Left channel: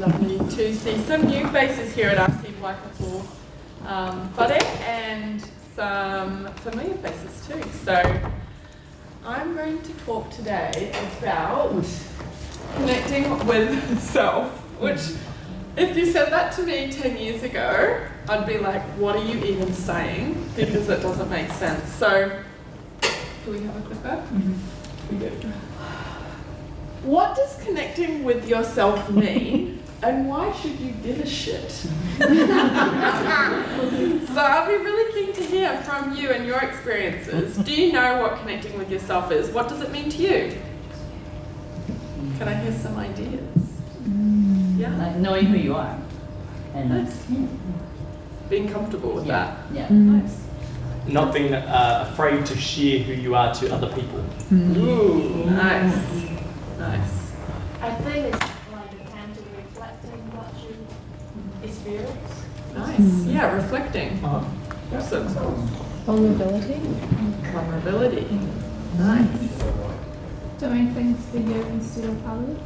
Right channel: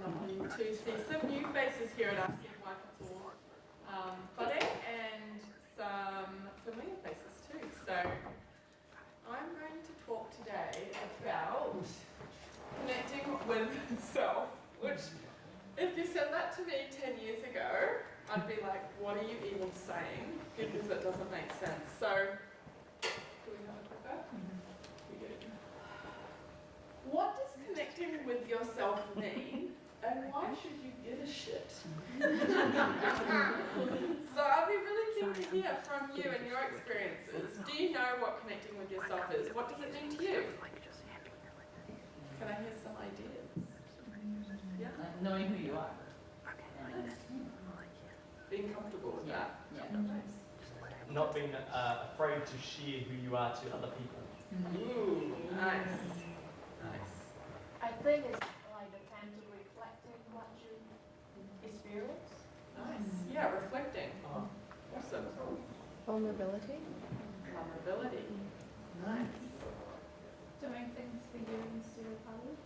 lovely to see some new faces here at RC Waikato Whare and some familiar faces too. So I'm going to talk today about connecting with self, which if you said that to me 10 years ago, I'd be like, what are you even saying? Because it doesn't make sense. So, do we have a clicker? We do. What does connecting with yourself mean, and why should you give a shit? So I'll be really keen to hear from you and your experiences. Do you know what connecting with yourself is? What does it mean to you? Can I hear some ideas? Yeah. Like knowing who you are. And Nice. Being comfortable with that. Yeah. Nice. Not being afraid to share who you are to other people. Ooh, nice. Nice. I think it's like a time to reflecting what you experience. Nice. Yeah, reflecting. Awesome. Vulnerability. Vulnerability. Nice. Doing things for you instead of others.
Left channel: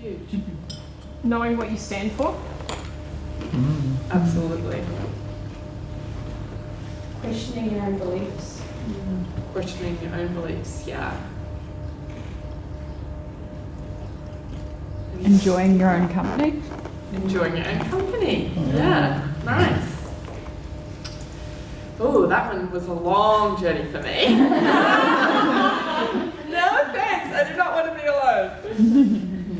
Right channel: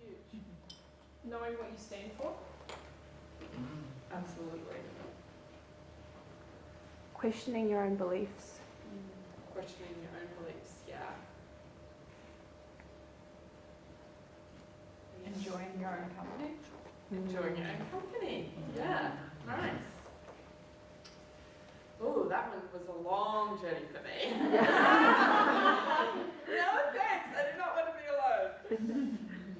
Huge. Knowing what you stand for. Absolutely. Questioning your own beliefs. Questioning your own beliefs, yeah. Enjoying your own company. Enjoying your own company. Yeah, nice. Oh, that one was a long journey for me. No thanks, I do not want to be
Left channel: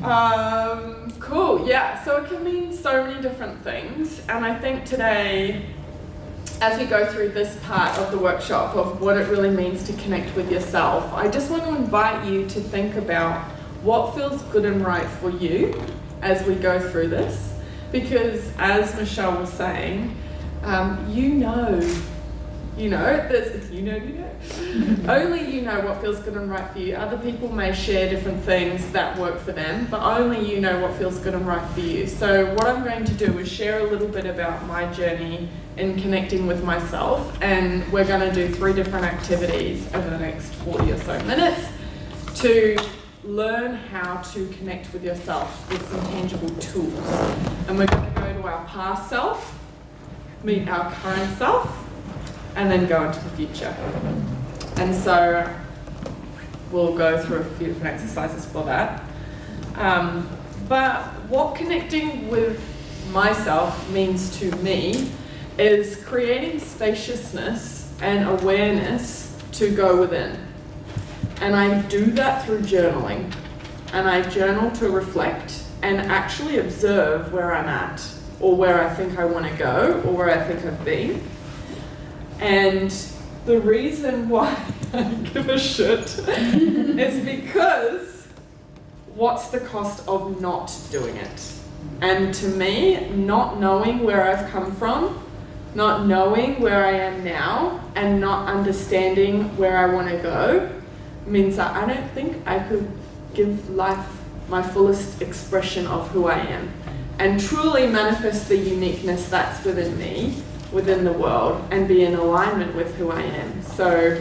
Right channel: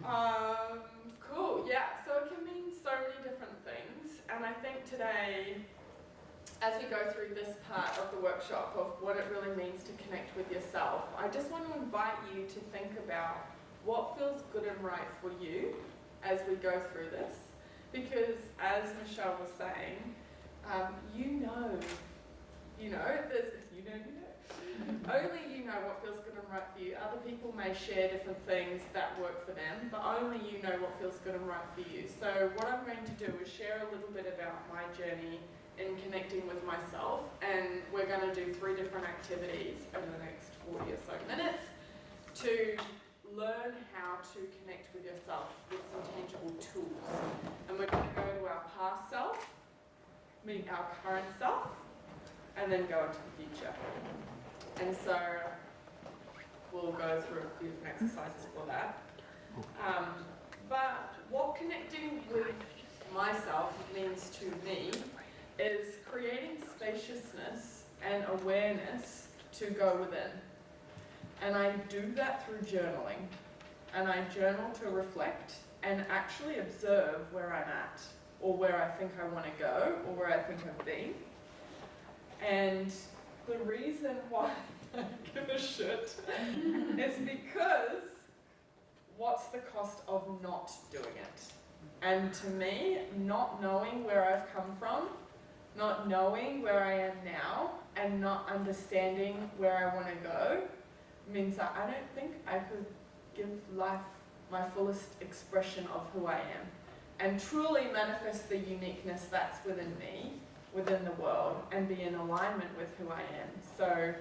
alone. Cool, yeah, so it can mean so many different things, and I think today, as we go through this part of the workshop of what it really means to connect with yourself, I just want to invite you to think about what feels good and right for you as we go through this. Because as Michelle was saying, only you know what feels good and right for you. Other people may share different things that work for them, but only you know what feels good and right for you. So what I'm going to do is share a little bit about my journey in connecting with myself, and we're going to do 3 different activities over the next 40 or so minutes to learn how to connect with yourself with some tangible tools. And we're going to go to our past self, meet our current self, and then go into the future. And so we'll go through a few different exercises for that. But what connecting with myself means to me is creating spaciousness and awareness to go within. And I do that through journaling. And I journal to reflect and actually observe where I'm at, or where I think I want to go, or where I think I've been. And the reason why I give a shit is because what's the cost of not doing it? And to me, not knowing where I've come from, not knowing where I am now, and not understanding where I want to go means that I don't think I could give life my fullest expression of who I am and truly manifest the uniqueness that's within me, within the world, and be in alignment with who I am. So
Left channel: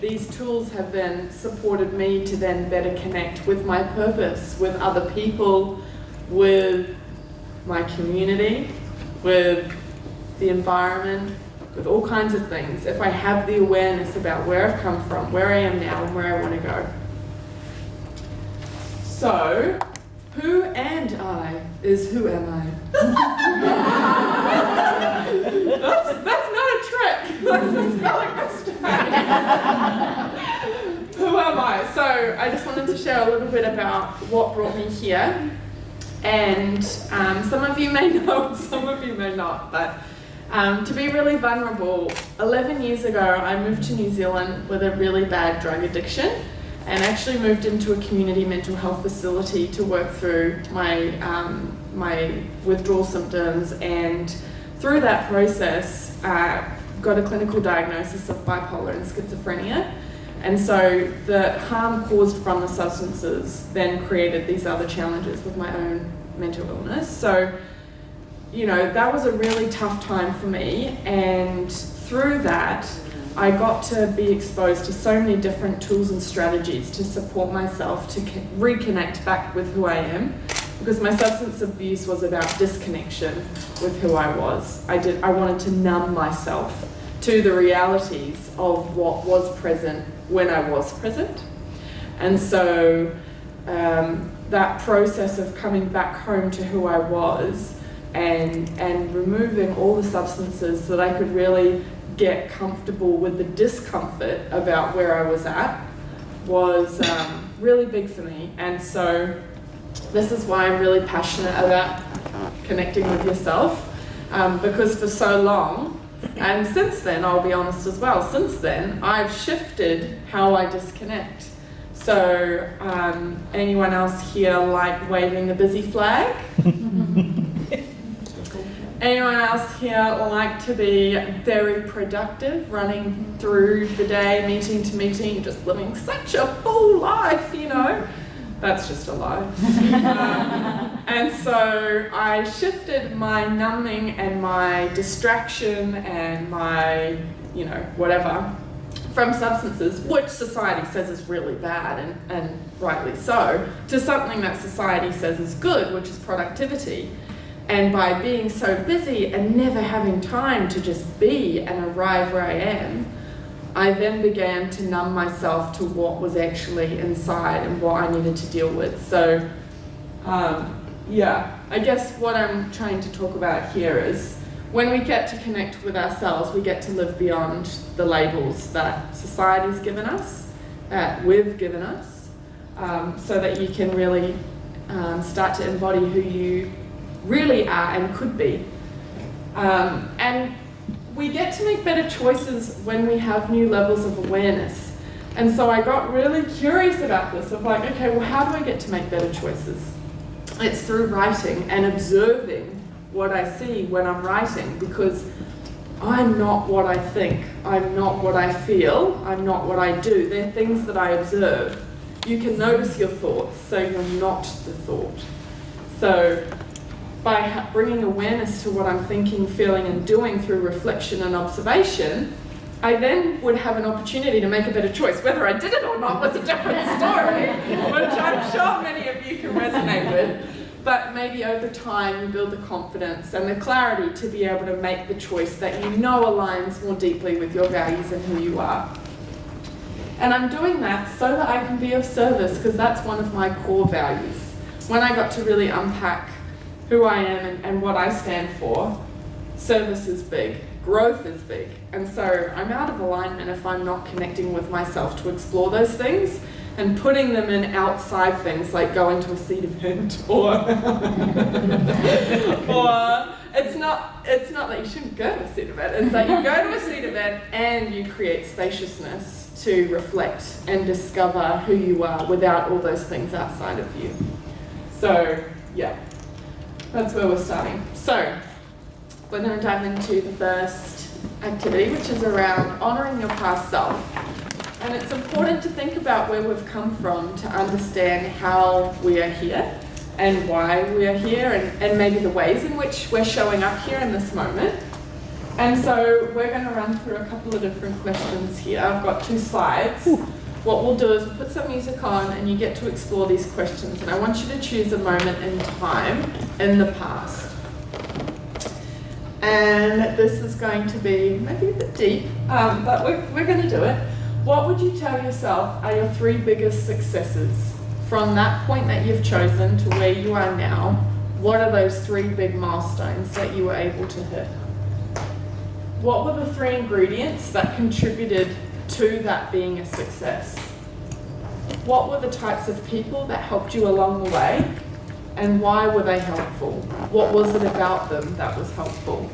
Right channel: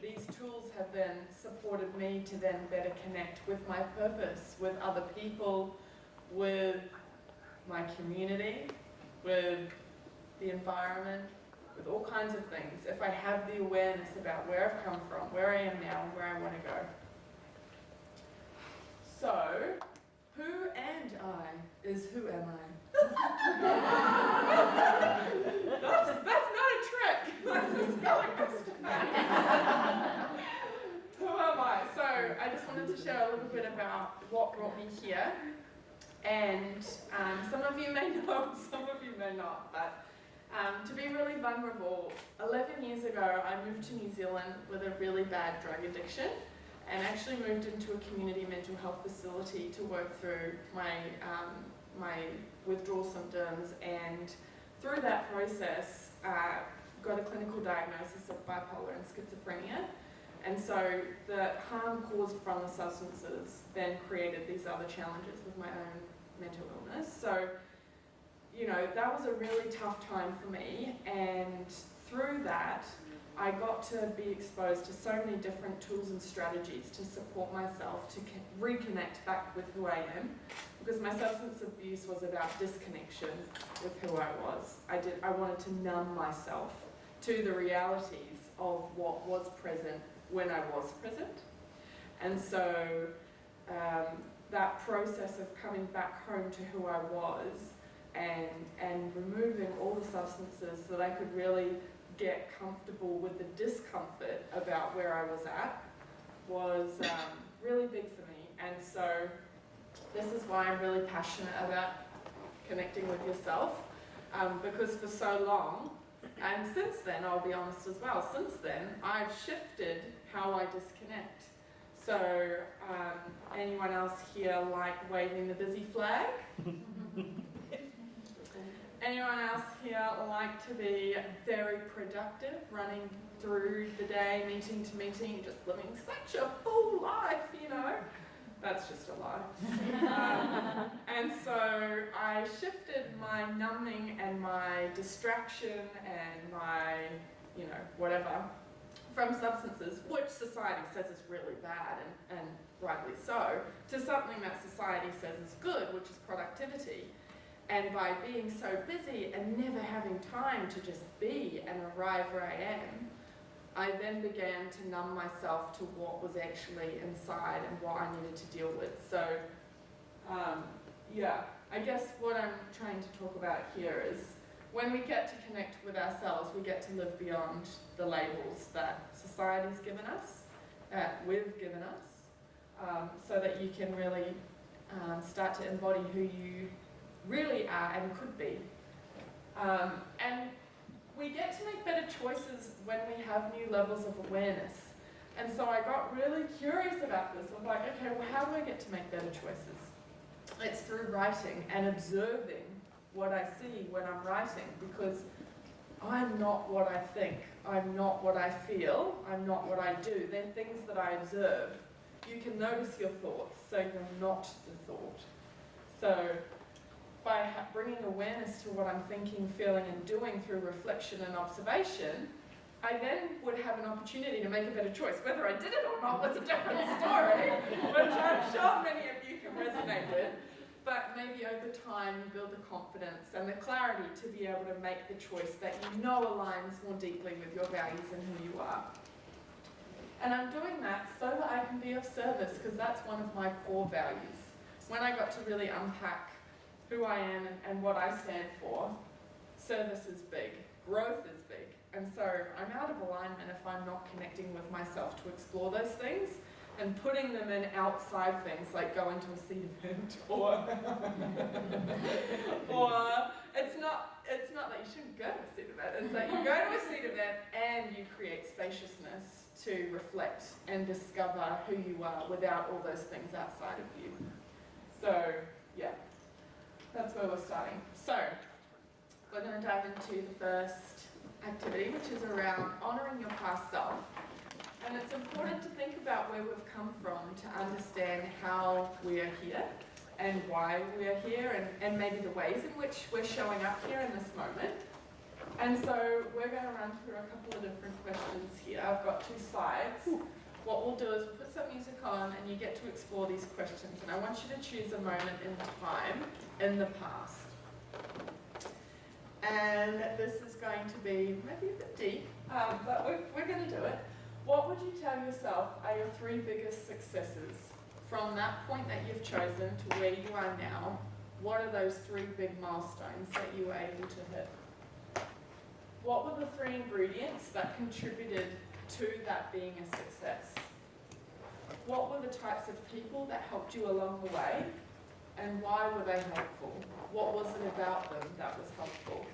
these tools have then supported me to then better connect with my purpose, with other people, with my community, with the environment, with all kinds of things, if I have the awareness about where I've come from, where I am now, and where I want to go. So, who and I is who am I? That's not a trick. That's a spelling mistake. Who am I? So I just wanted to share a little bit about what brought me here. And some of you may know, some of you may not, but to be really vulnerable, 11 years ago I moved to New Zealand with a really bad drug addiction, and actually moved into a community mental health facility to work through my withdrawal symptoms, and through that process got a clinical diagnosis of bipolar and schizophrenia. And so the harm caused from the substances then created these other challenges with my own mental illness. So, you know, that was a really tough time for me, and through that I got to be exposed to so many different tools and strategies to support myself to reconnect back with who I am, because my substance abuse was about disconnection with who I was. I wanted to numb myself to the realities of what was present when I was present. And so that process of coming back home to who I was and removing all the substances so that I could really get comfortable with the discomfort about where I was at was really big for me. And so this is why I'm really passionate about connecting with yourself, because for so long, and since then, I'll be honest as well, since then, I've shifted how I disconnect. So anyone else here like waving the busy flag? Anyone else here like to be very productive, running through the day, meeting to meeting, just living such a full life, you know? That's just a lie. And so I shifted my numbing and my distraction and my, you know, whatever, from substances, which society says is really bad and rightly so, to something that society says is good, which is productivity. And by being so busy and never having time to just be and arrive where I am, I then began to numb myself to what was actually inside and what I needed to deal with. So, yeah, I guess what I'm trying to talk about here is when we get to connect with ourselves, we get to live beyond the labels that society's given us, that we've given us, so that you can really start to embody who you really are and could be. And we get to make better choices when we have new levels of awareness. And so I got really curious about this, of like, okay, well, how do I get to make better choices? It's through writing and observing what I see when I'm writing, because I'm not what I think, I'm not what I feel, I'm not what I do. They're things that I observe. You can notice your thoughts, so you're not the thought. So by bringing awareness to what I'm thinking, feeling, and doing through reflection and observation, I then would have an opportunity to make a better choice. Whether I did it or not was a different story, which I'm sure many of you can resonate with. But maybe over time you build the confidence and the clarity to be able to make the choice that you know aligns more deeply with your values and who you are. And I'm doing that so that I can be of service, because that's one of my core values. When I got to really unpack who I am and what I stand for, service is big, growth is big. And so I'm out of alignment if I'm not connecting with myself to explore those things and putting them in outside things like going to a seed event or it's not that you shouldn't go to a seed event, it's that you go to a seed event and you create spaciousness to reflect and discover who you are without all those things outside of you. So yeah, that's where we're starting. So we're going to dive into the first activity, which is around honouring your past self. And it's important to think about where we've come from to understand how we are here and why we are here, and maybe the ways in which we're showing up here in this moment. And so we're going to run through a couple of different questions here. I've got 2 slides. What we'll do is we'll put some music on and you get to explore these questions. And I want you to choose a moment in time in the past. And this is going to be maybe a bit deep, but we're going to do it. What would you tell yourself are your 3 biggest successes from that point that you've chosen to where you are now? What are those 3 big milestones that you were able to hit? What were the 3 ingredients that contributed to that being a success? What were the types of people that helped you along the way, and why were they helpful? What was it about them that was helpful?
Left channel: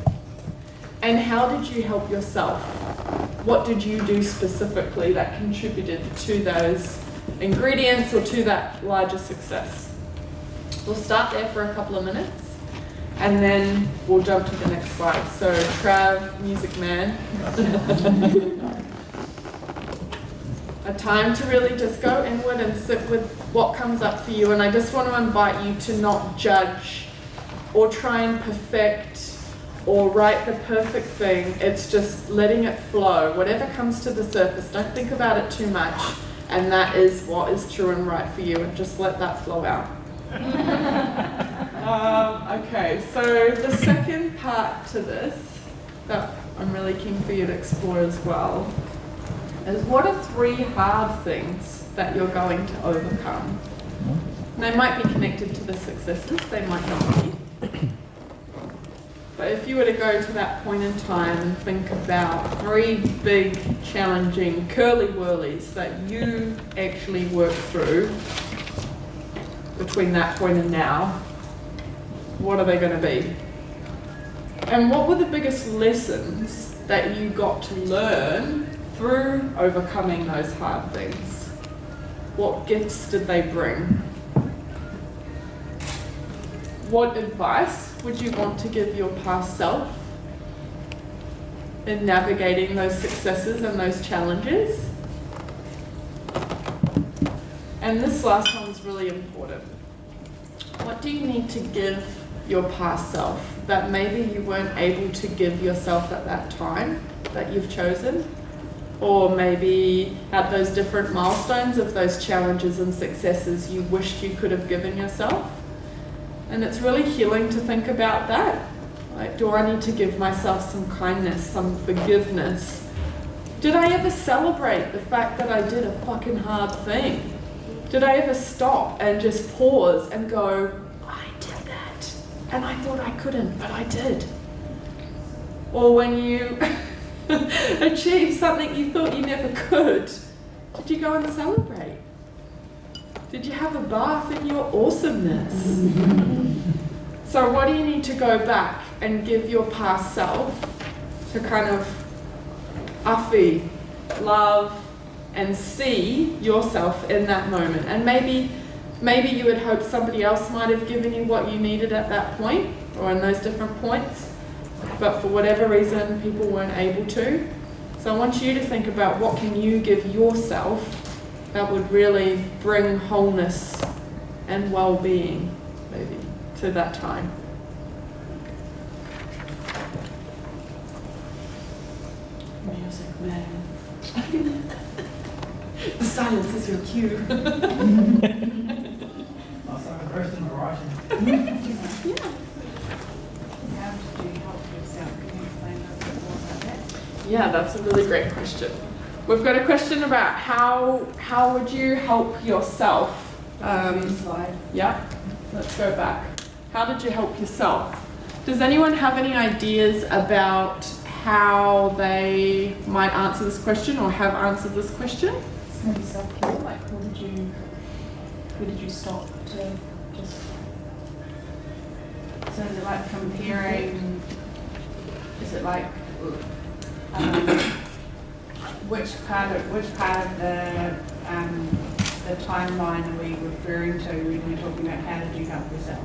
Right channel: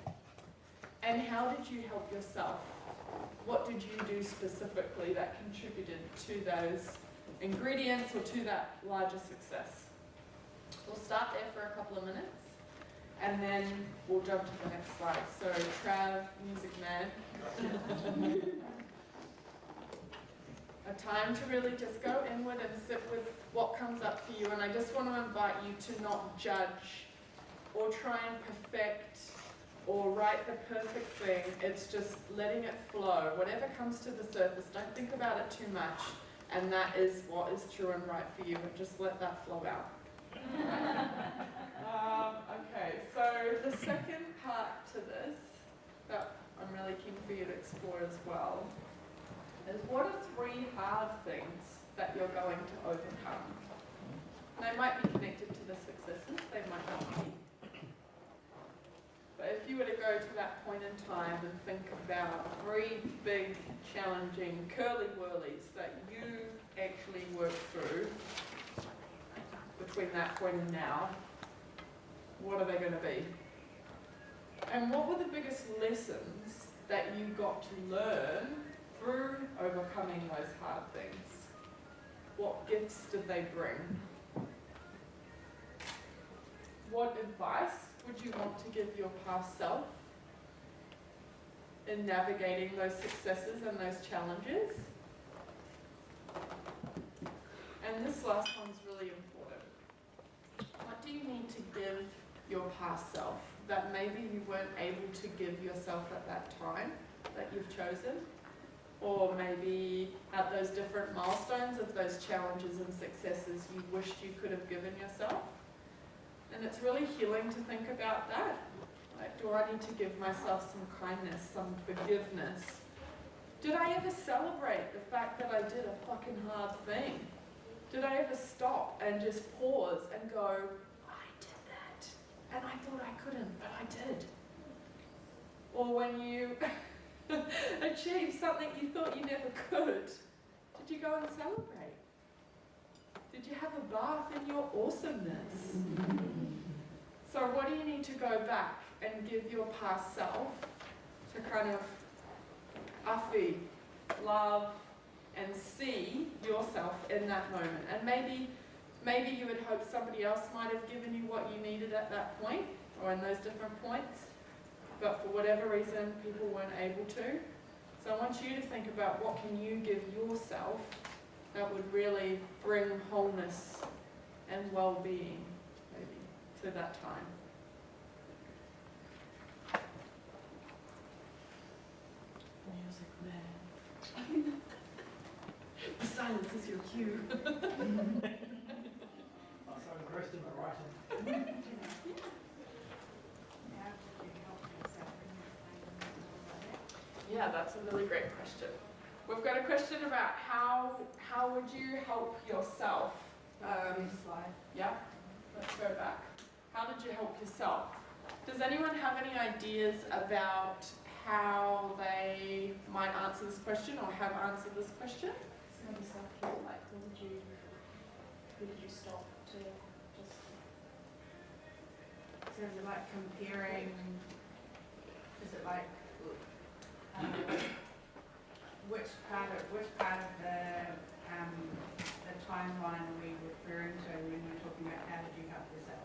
And how did you help yourself? What did you do specifically that contributed to those ingredients or to that larger success? We'll start there for a couple of minutes and then we'll jump to the next slide. So Trav, music man. A time to really just go inward and sit with what comes up for you. And I just want to invite you to not judge or try and perfect or write the perfect thing. It's just letting it flow. Whatever comes to the surface, don't think about it too much. And that is what is true and right for you, and just let that flow out. Okay, so the second part to this that I'm really keen for you to explore as well is, what are 3 hard things that you're going to overcome? They might be connected to the successes, they might not be. But if you were to go to that point in time and think about 3 big, challenging curly-whirlies that you actually worked through between that point and now, what are they going to be? And what were the biggest lessons that you got to learn through overcoming those hard things? What gifts did they bring? What advice would you want to give your past self in navigating those successes and those challenges? And this last one's really important. What do you need to give your past self that maybe you weren't able to give yourself at that time that you've chosen? Or maybe at those different milestones of those challenges and successes you wished you could have given yourself? And it's really healing to think about that. Like, do I need to give myself some kindness, some forgiveness? Did I ever celebrate the fact that I did a fucking hard thing? Did I ever stop and just pause and go, I did that, and I thought I couldn't, but I did? Or when you achieved something you thought you never could, did you go and celebrate? Did you have a bath in your awesomeness? So what do you need to go back and give your past self to kind of awhi, love, and see yourself in that moment? And maybe you had hoped somebody else might have given you what you needed at that point, or in those different points, but for whatever reason people weren't able to. So I want you to think about, what can you give yourself that would really bring wholeness and well-being, maybe, to that time. Music, man. The silence is your cue. I'll start the first in Russian. Yeah. How did you help yourself? Can you explain a bit more about that? Yeah, that's a really great question. We've got a question about how would you help yourself? Slide. Yeah, let's go back. How did you help yourself? Does anyone have any ideas about how they might answer this question or have answered this question? Maybe self-care, like who did you stop to just... So is it like comparing, is it like which part of the timeline are we referring to when we're talking about how did you help yourself?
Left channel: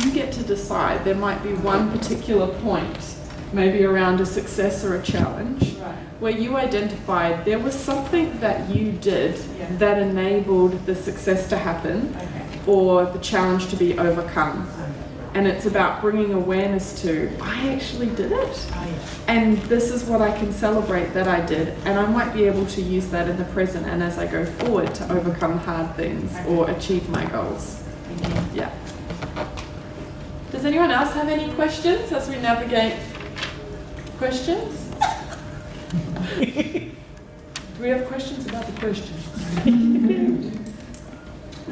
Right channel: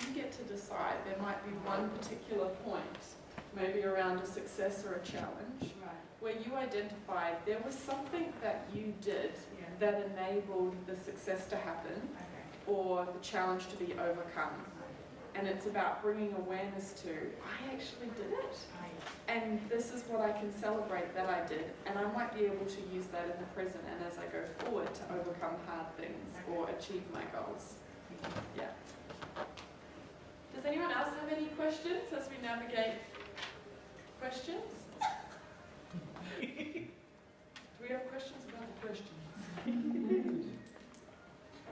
You get to decide. There might be one particular point, maybe around a success or a challenge, Right. where you identified there was something that you did Yeah. that enabled the success to happen Okay. or the challenge to be overcome. Okay. And it's about bringing awareness to, I actually did it. Oh, yeah. And this is what I can celebrate that I did. And I might be able to use that in the present and as I go forward to overcome hard things or achieve my goals. Thank you. Yeah. Does anyone else have any questions as we navigate questions? Do we have questions about the questions?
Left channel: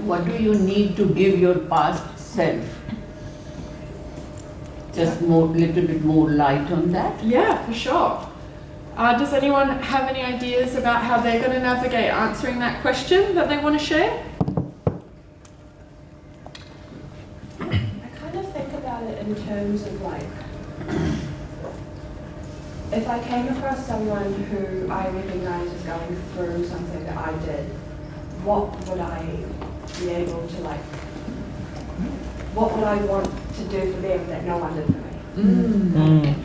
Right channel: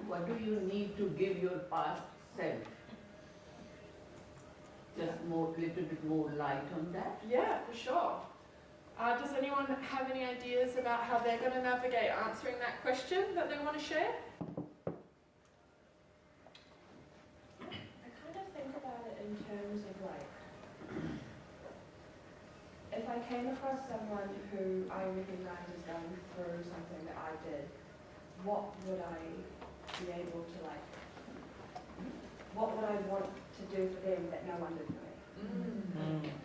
What do you need to give your past self? Just little bit more light on that? Yeah, for sure. Does anyone have any ideas about how they're going to navigate answering that question that they want to share? I kind of think about it in terms of like, if I came across someone who I recognize as going through something that I did, what would I be able to like, what would I want to do for them that no one did for me?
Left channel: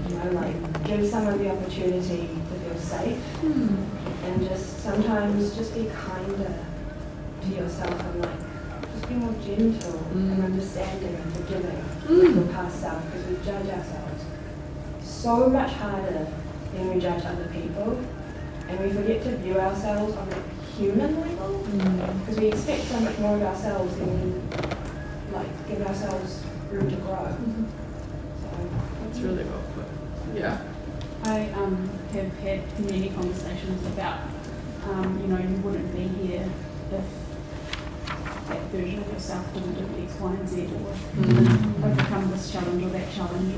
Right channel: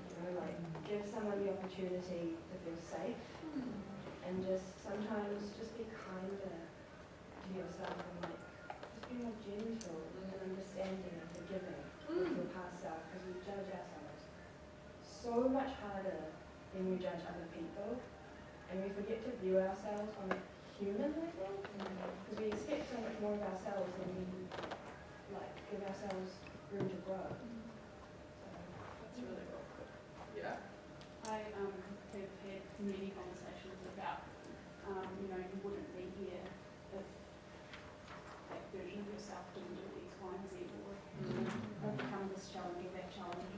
You know, like give someone the opportunity to feel safe and just sometimes just be kinder to yourself and like just be more gentle and understanding and forgiving with your past self, because we judge ourselves so much harder when we judge other people, and we forget to view ourselves on a human level, because we expect so much more of ourselves than we like give ourselves room to grow. So That's really well put. Yeah. I have had many conversations about, you know, you wouldn't be here if that version of yourself didn't do X, Y, and Z, or overcome this challenge or that challenge,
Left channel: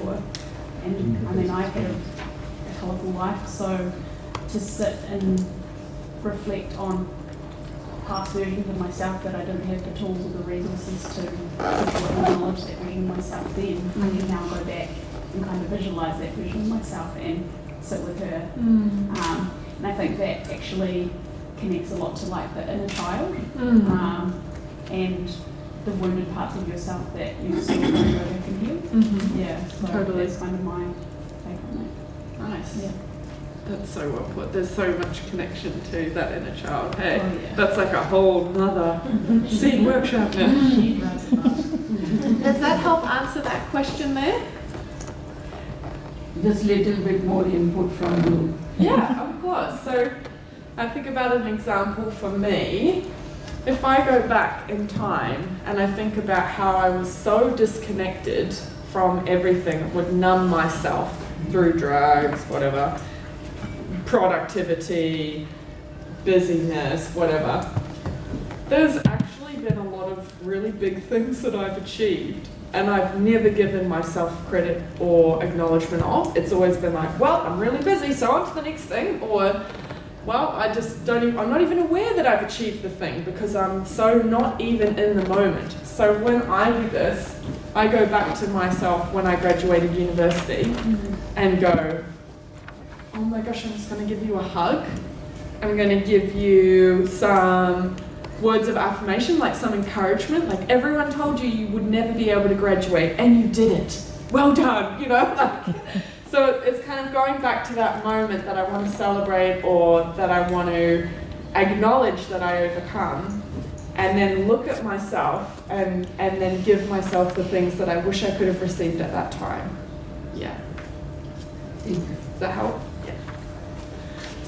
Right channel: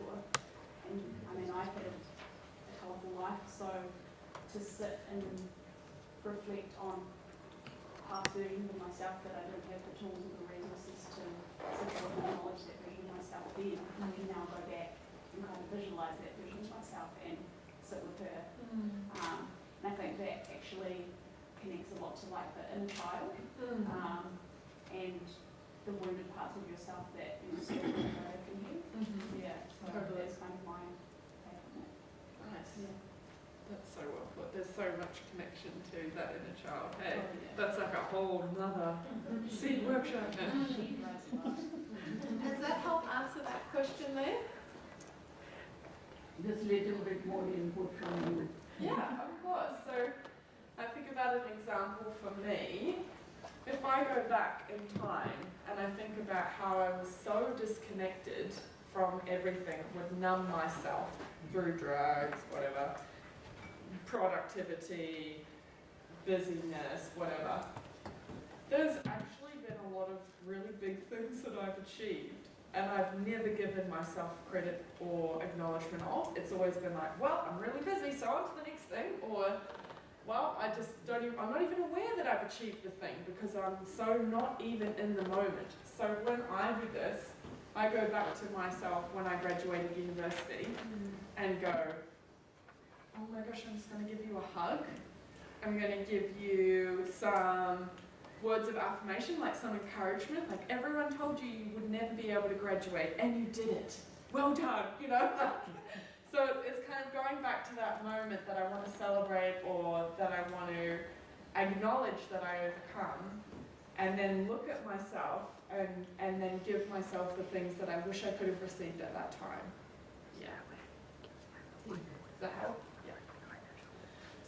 and I mean, I've had a colourful life, so to sit and reflect on past versions of myself that I didn't have the tools or the resources to support the knowledge that was in myself then, I can now go back and kind of visualise that version of myself and sit with her. And I think that actually connects a lot to like the inner child and the wounded parts of yourself that you still want to go back and heal. Yeah, so Totally. that's kind of my take on that. Nice. Yeah. That's so well put. There's so much connection to that inner child. Hey, Oh, yeah. that's like a whole nother seed workshop now. Does that help answer that question there? Just little bit more input from you. Yeah, of course. So I think about an example for me. If I go back in time and I think about how I was so disconnected from everything that would numb myself through drugs, whatever, productivity, busyness, whatever, there's actually been a lot of really big things that I've achieved and I've never given myself credit or acknowledgement of. It's always been like, well, I'm really busy, so on to the next thing, or well, I just don't even, I'm not even aware that I've achieved the thing because I'm so not even in the moment. So when I do this, I go back to myself when I graduated university and go, oh my gosh, I'm just going to give you a hug. I'm going to give you some words of affirmation, like some encouragement. Like everyone told you you would never be able to graduate and you did it. Well done, you know? Like, so it's kind of going back to that moment that I want to celebrate or that I want to acknowledge that I overcome, and then look at myself and then give myself the things that I wish I could have received at that time. Yeah. Does that help? Yeah.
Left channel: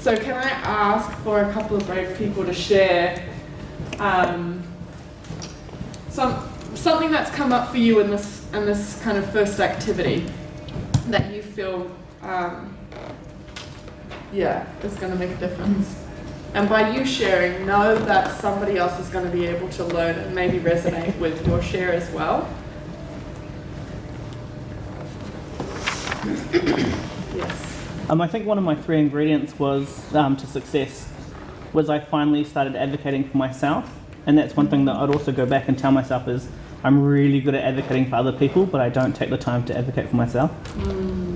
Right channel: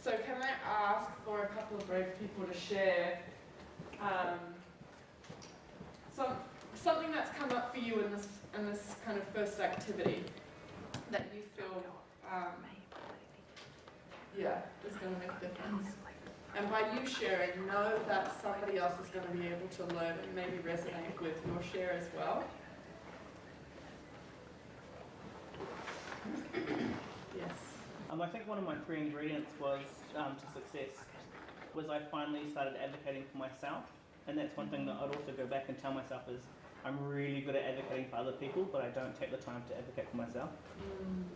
So can I ask for a couple of brave people to share something that's come up for you in this kind of first activity that you feel is going to make a difference? And by you sharing, know that somebody else is going to be able to learn and maybe resonate with your share as well. Yes. I think one of my 3 ingredients was to success was I finally started advocating for myself, and that's one thing that I'd also go back and tell myself is I'm really good at advocating for other people, but I don't take the time to advocate for myself.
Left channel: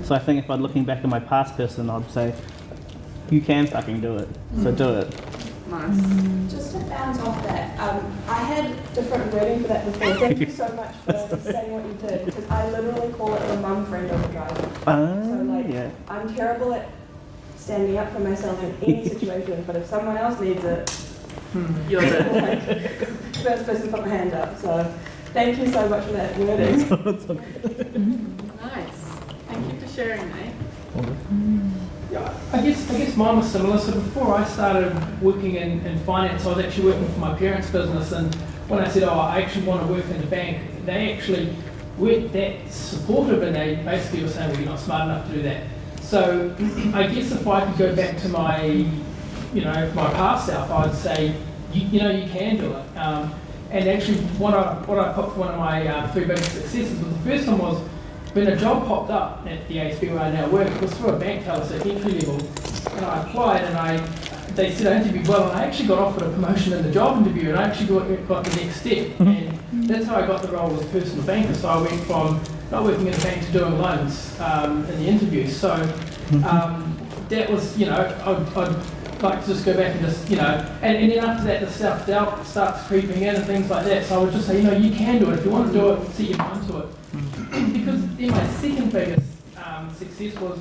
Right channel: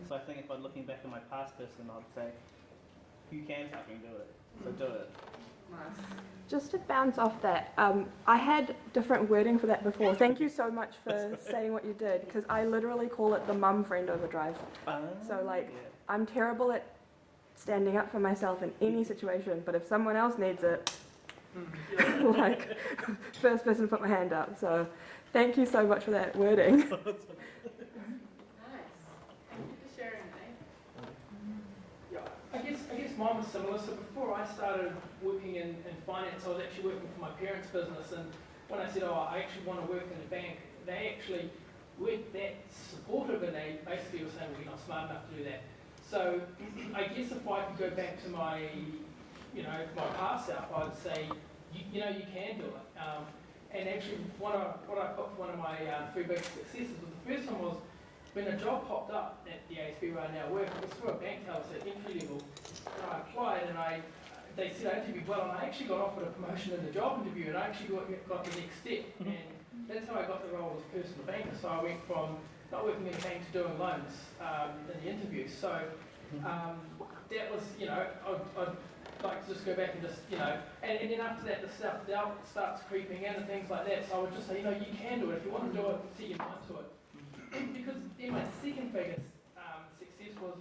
So I think if I'm looking back at my past person, I'd say, you can fucking do it, so do it. Nice. just to bounce off that, I had different wording for that before. Thank you so much for saying what you did, because I literally call it the mum friend overdrive. So like, Yeah. I'm terrible at standing up for myself in any situation, but if someone else needs it, You're the like, first person to put my hand up. So thank you so much for that wording. nice. Thank you for sharing, mate. Yeah, I guess mine was similar. So before I started working in finance, I was actually working for my parents' business, and when I said, oh, I actually want to work in the bank, they actually weren't that supportive, and they basically were saying, well, you're not smart enough to do that. So I guess if I could go back to my past self, I'd say, you can do it. And actually, what I put for one of my 3 biggest successes was the first one was when a job popped up at the ASB where I now work. It was for a bank teller, so entry level, and I applied, and they said I interviewed well, and I actually got offered a promotion in the job interview, and I actually got the next step, and that's how I got the role as a personal banker. So I went from not working in a bank to doing loans in the interview. So that was, I'd like to just go back and just, and then after that the self-doubt starts creeping in and things like that. So I would just say, you can do it. If you want to do it, set your mind to it. Because then my second biggest success was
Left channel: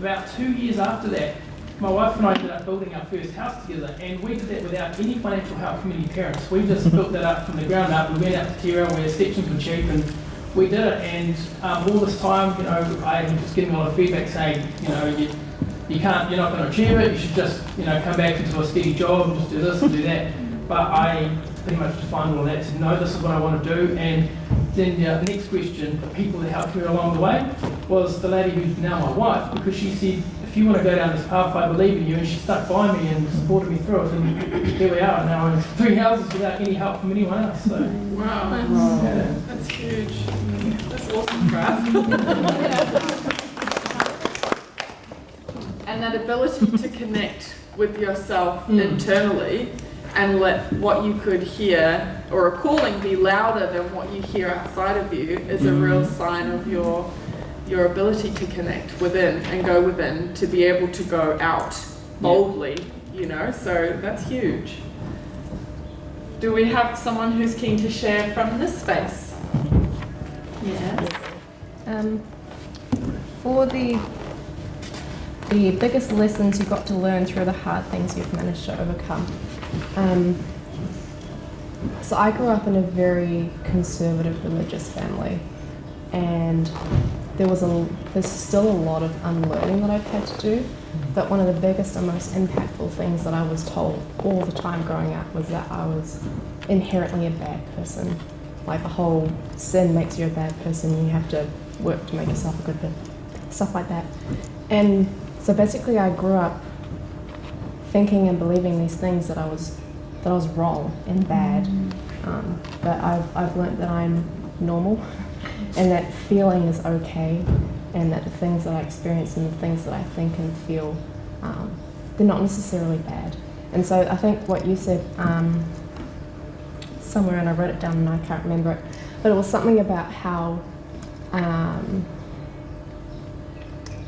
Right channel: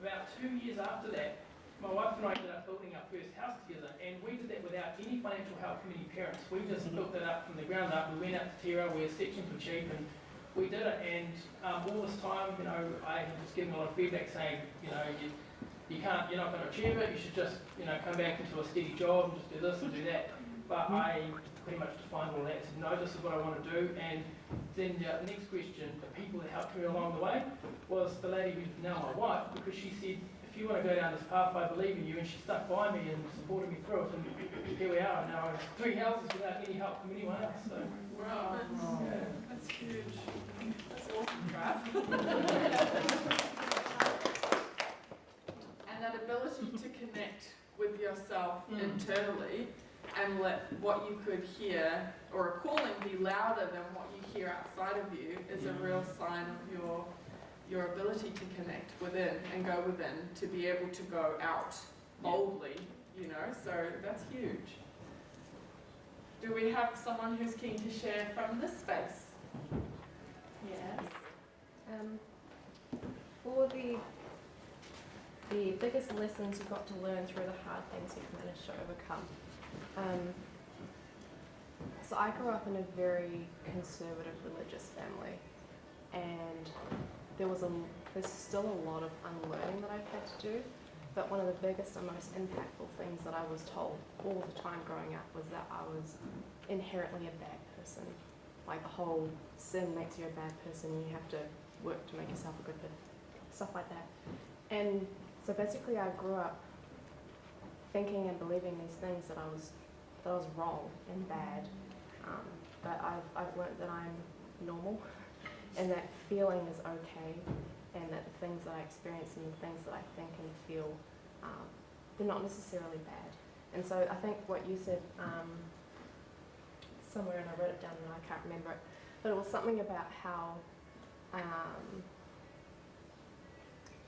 about 2 years after that, my wife and I ended up building our first house together, and we did that without any financial help from any parents. We just built that up from the ground up. We went out to Tierra where sections were cheap, and we did it, and all this time, you know, I was just getting a lot of feedback saying, you know, you can't, you're not going to achieve it. You should just, you know, come back into a steady job and just do this and do that. But I pretty much defined all that. Said, no, this is what I want to do. And then the next question, the people that helped me along the way, was the lady who's now my wife, because she said, if you want to go down this path, I believe in you, and she stuck by me and supported me through it. And here we are now in 3 houses without any help from anyone else. So, Wow. yeah. That's huge. That's awesome, Brad. And that ability to connect with yourself internally and let what you could hear or a calling be louder than what you hear outside of you is a real sign of your ability to connect within and go within to be able to go out boldly, you know, so that's huge. Do we have someone who's keen to share from this space? Yes. For the biggest lessons you got to learn through the hard things you've managed to overcome. So I grew up in a very conservative religious family, and there's still a lot of unlearning that I've had to do. But one of the biggest and most impactful things that I was told all the time growing up was that I was inherently a bad person. Like the whole sin makes you a bad person, you have to work to make yourself a good person, stuff like that. And so basically I grew up thinking and believing these things that I was wrong and bad. But I've learnt that I'm normal and that feeling is okay, and that the things that I experience and the things that I think and feel, they're not necessarily bad. And so I think what you said somewhere, and I wrote it down and I can't remember it, but it was something about how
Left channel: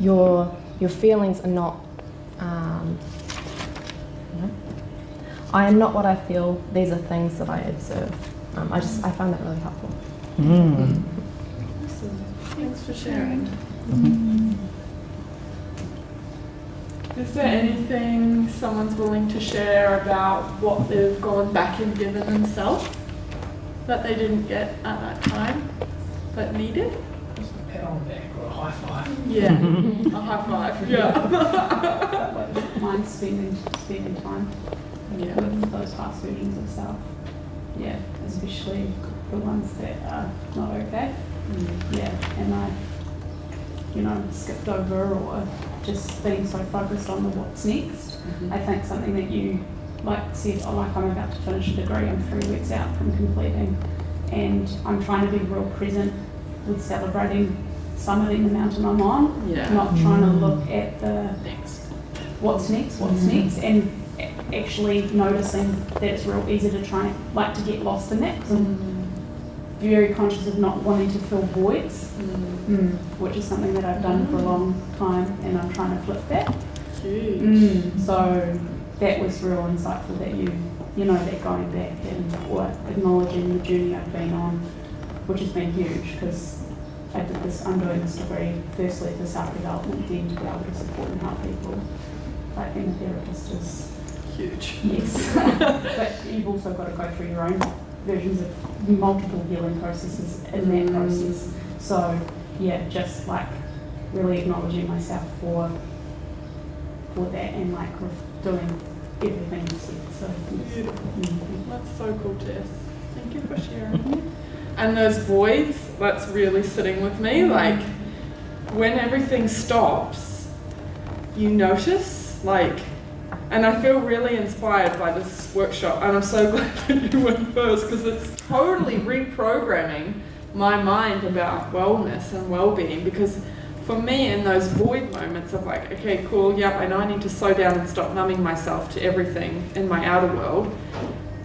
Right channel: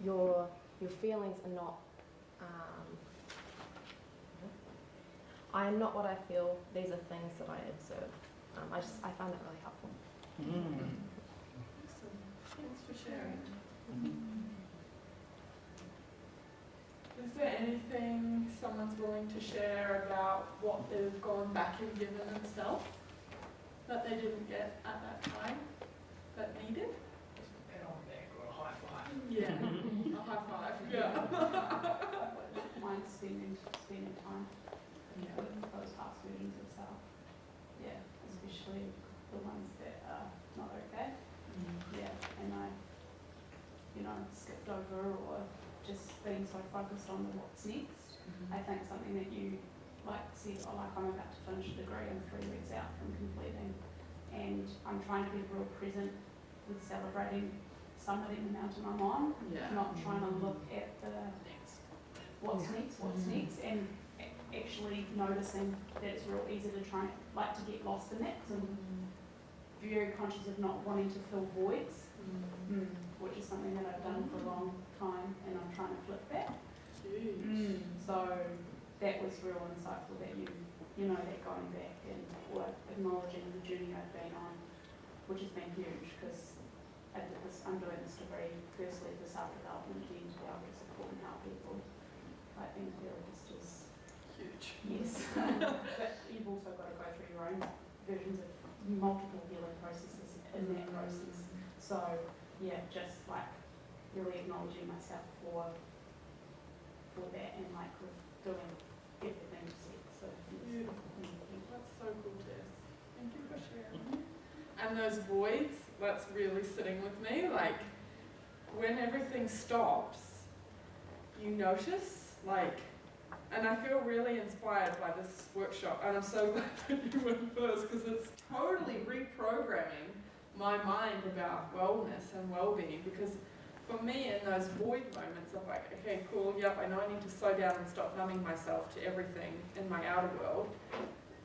your feelings are not, I am not what I feel, these are things that I observe. I found that really helpful. Awesome. Thanks for sharing. Is there anything someone's willing to share about what they've gone back and given themselves that they didn't get at that time but needed? Just a pat on the back or a high five. Yeah, a high five. Yeah. Mine's spending time with those past versions of self. Yeah, especially the ones that are not okay. Yeah, and I, skipped over or just being so focused on the what's next. I think something that you said, I'm about to finish a degree, I'm 3 weeks out from completing, and I'm trying to be real present with celebrating summiting the mountain I'm on, not trying to look at the what's next, and actually noticing that it's real easy to try to get lost in that, because I'm very conscious of not wanting to fill voids, which is something that I've done for a long time, and I'm trying to flip that. So that was real insightful that that going back and acknowledging the journey I've been on, which has been huge, because I'm doing this degree firstly for self-development, then to be able to support and help people. Like being a therapist is huge. Yes. But you've also got to go through your own versions of multiple healing processes in that process. So yeah, just really acknowledging myself for that, and doing everything you said. So that's so cool, Jess. Thank you for sharing. And those voids, that's really sitting with me. When everything stops, you notice, and I feel really inspired by this workshop, and I'm so glad that you went first, because it's totally reprogramming my mind about wellness and well-being. Because for me, in those void moments of okay, cool, yep, I know I need to slow down and stop numbing myself to everything in my outer world.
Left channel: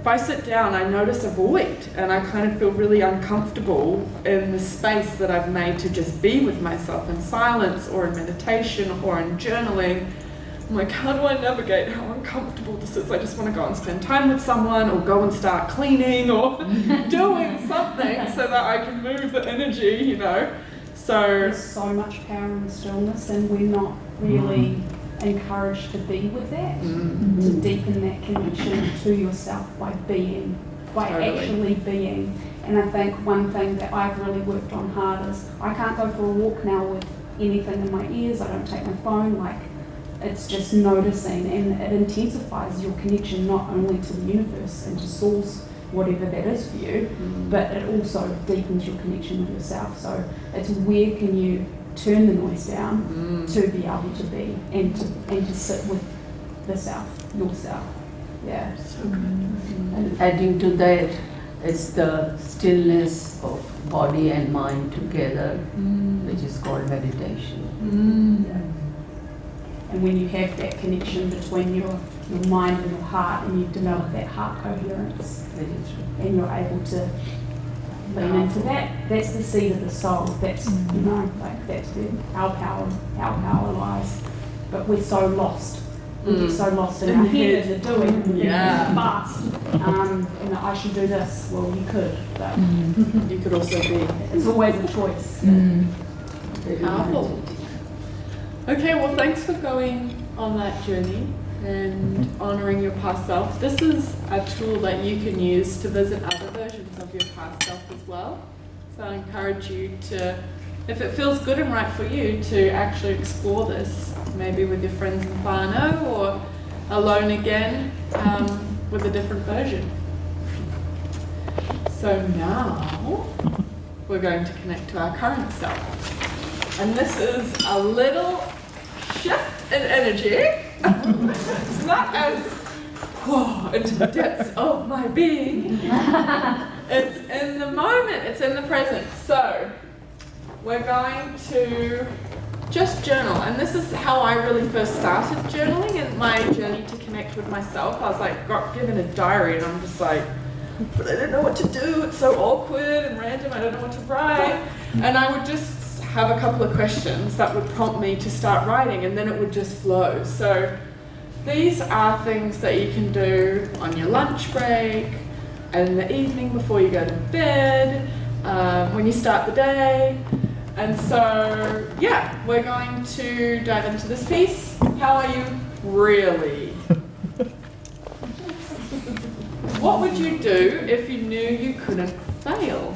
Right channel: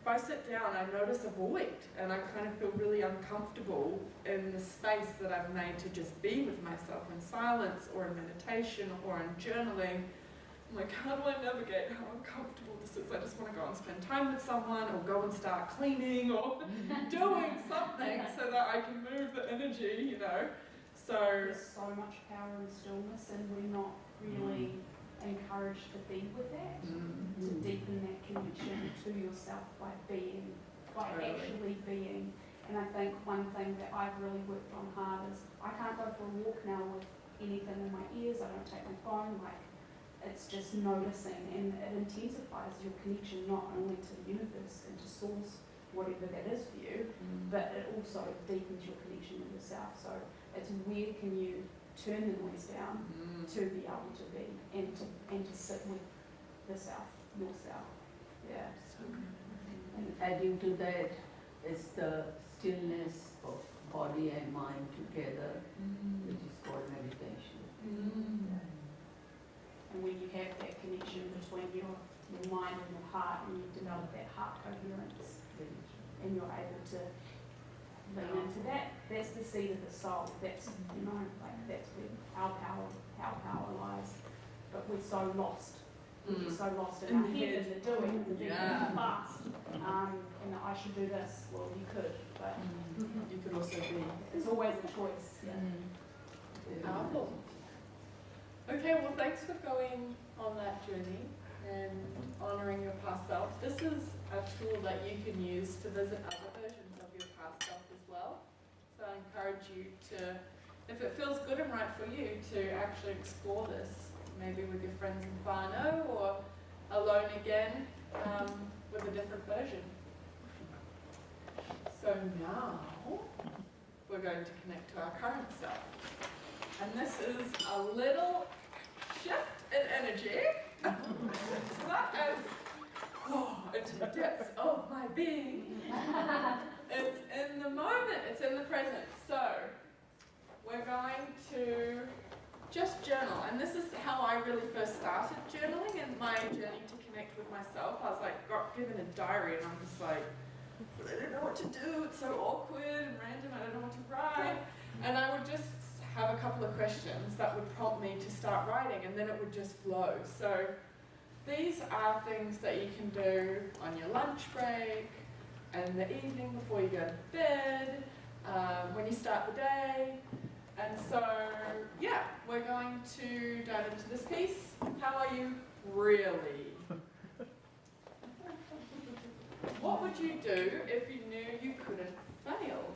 If I sit down, I notice a void, and I kind of feel really uncomfortable in the space that I've made to just be with myself in silence or in meditation or in journaling. I'm like, how do I navigate how uncomfortable this is? I just want to go and spend time with someone, or go and start cleaning, or doing something so that I can move the energy, So there's so much power in stillness, and we're not really encouraged to be with that, to deepen that connection to yourself by being by Totally. actually being. And I think one thing that I've really worked on hard is I can't go for a walk now with anything in my ears. I don't take my phone. Like, it's just noticing, and it intensifies your connection not only to the universe and to source, whatever that is for you, but it also deepens your connection with yourself. So it's where can you turn the noise down to be able to be and to sit with the self, yourself. Yeah. So good. And adding to that, it's the stillness of body and mind together, which is called meditation. And when you have that connection between your mind and your heart, and you develop that heart coherence, Very true. and you're able to lean into that, that's the seed of the soul. That's, you know, like that's where our power lies. But we're so lost. We get so lost in our head in the doing, Yeah. fast. You know, I should do this. Well, you could, but You could also be. it's always a choice. Very Powerful. Okay, well, thanks for going on that journey and honouring your past self. This is a tool that you can use to visit other versions of your past self as well. So I encourage you to, if it feels good and right for you, to actually explore this, maybe with your friends in whānau or alone again with a different version. So now we're going to connect to our current self. And this is a little shift in energy. It's not as into the depths of my being. It's in the moment, it's in the present. So we're going to just journal. And this is how I really first started journaling and my journey to connect with myself. I was like, got given a diary and I'm just like, but I don't know what to do. It's so awkward and random. I don't know what to write. And I would just have a couple of questions that would prompt me to start writing, and then it would just flow. So these are things that you can do on your lunch break, in the evening before you go to bed, when you start the day. And so, yeah, we're going to dive into this piece. How are you really? What would you do if you knew you couldn't fail?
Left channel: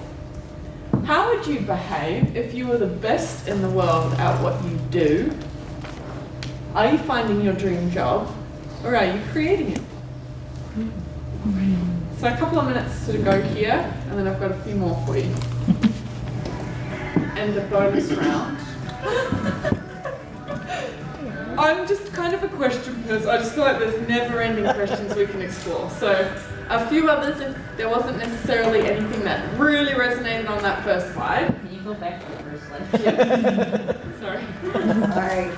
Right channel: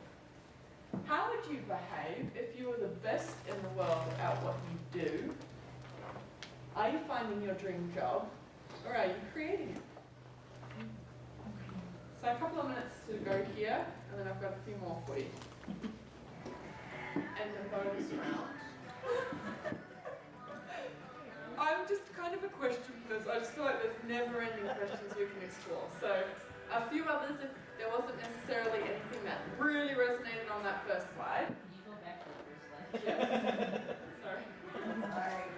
How would you behave if you were the best in the world at what you do? Are you finding your dream job, or are you creating it? So a couple of minutes to go here, and then I've got a few more for you. And the bonus round. I'm just kind of a question person. I just feel like there's never-ending questions we can explore. So a few others, if there wasn't necessarily anything that really resonated on that first slide. Can you go back to the first slide? Yes. Sorry. Sorry.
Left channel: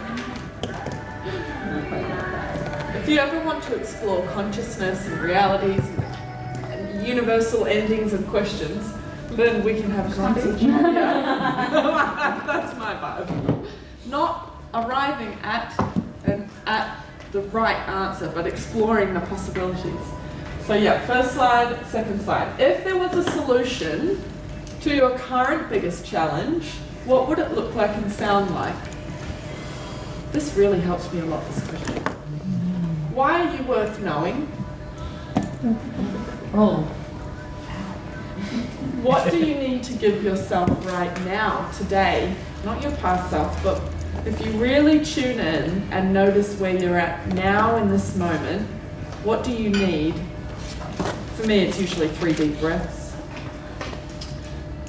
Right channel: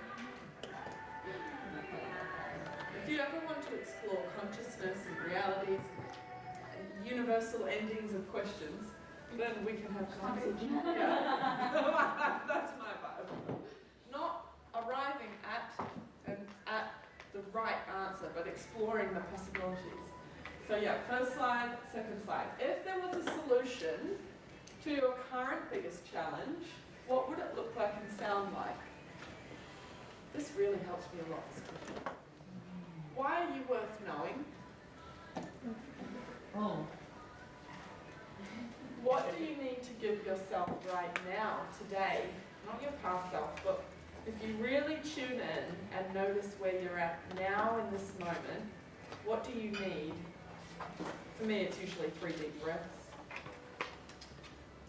If you ever want to explore consciousness and realities and universal endings of questions, then we can have a conversation. Yeah. That's my vibe. Not arriving at the right answer, but exploring the possibilities. So yeah, first slide, second slide. If there was a solution to your current biggest challenge, what would it look like and sound like? This really helps me a lot, this question. Why are you worth knowing? Oh. What do you need to give yourself right now, today? Not your past self, but if you really tune in and notice where you're at now in this moment, what do you need? For me, it's usually 3 deep breaths.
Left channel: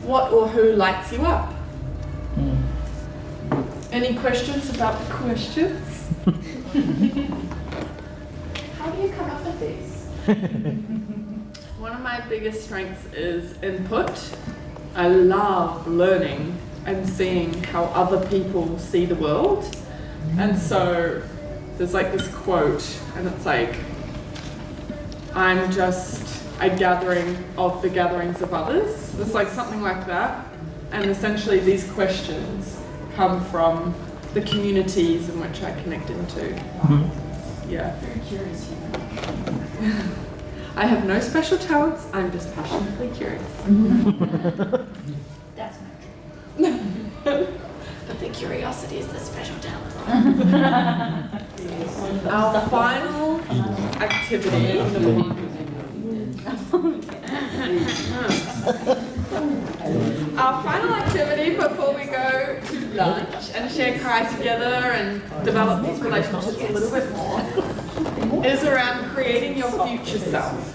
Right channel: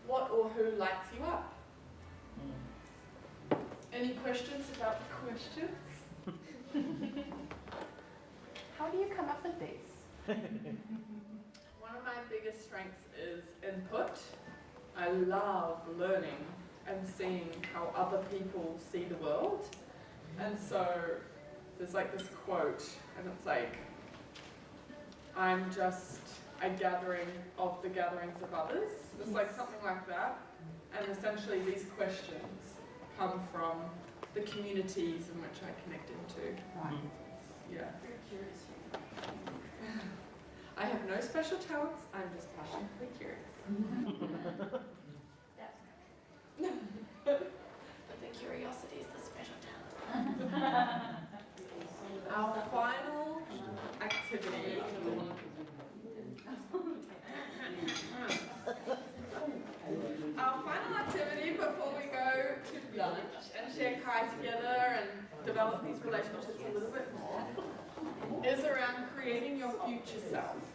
What or who lights you up? Any questions about the questions? How do you come up with these? One of my biggest strengths is input. I love learning and seeing how other people see the world. And so there's like this quote, and it's like, I'm just a gathering of the gatherings of others. It's like something like that. And essentially these questions come from the communities in which I connect into. Yeah. Very curious. I have no special talents, I'm just passionately curious. That's my dream. But the curiosity is the special talent. Our final activity Our final activity before we go to lunch and share cry together and develop these relationships a little bit more is around creating your future self.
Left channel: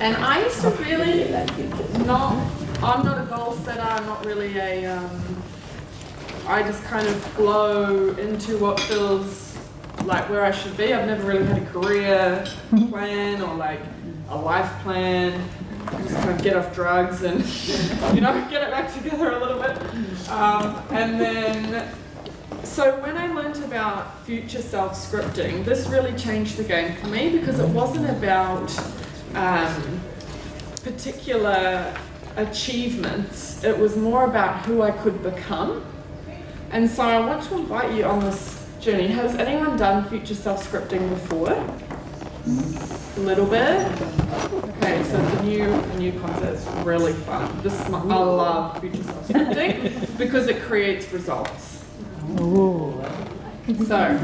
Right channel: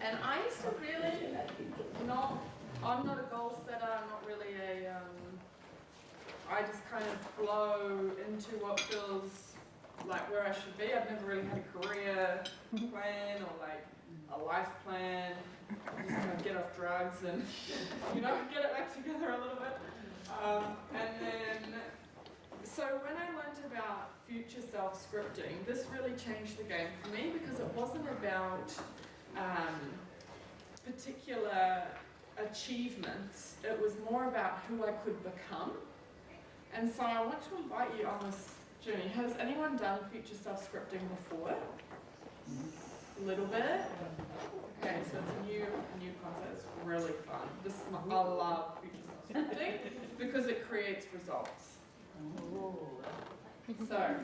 And I used to really I'm not a goal setter, I'm not really I just kind of flow into what feels like where I should be. I've never really had a career plan or like a life plan. Just kind of get off drugs and, get it back together a little bit. And then, so when I learned about future self scripting, this really changed the game for me because it wasn't about particular achievements. It was more about who I could become. And so I want to invite you on this journey. Has anyone done future self scripting before? A little bit? Okay, so it's a new concept. It's really fun. I love future self scripting because it creates results. So,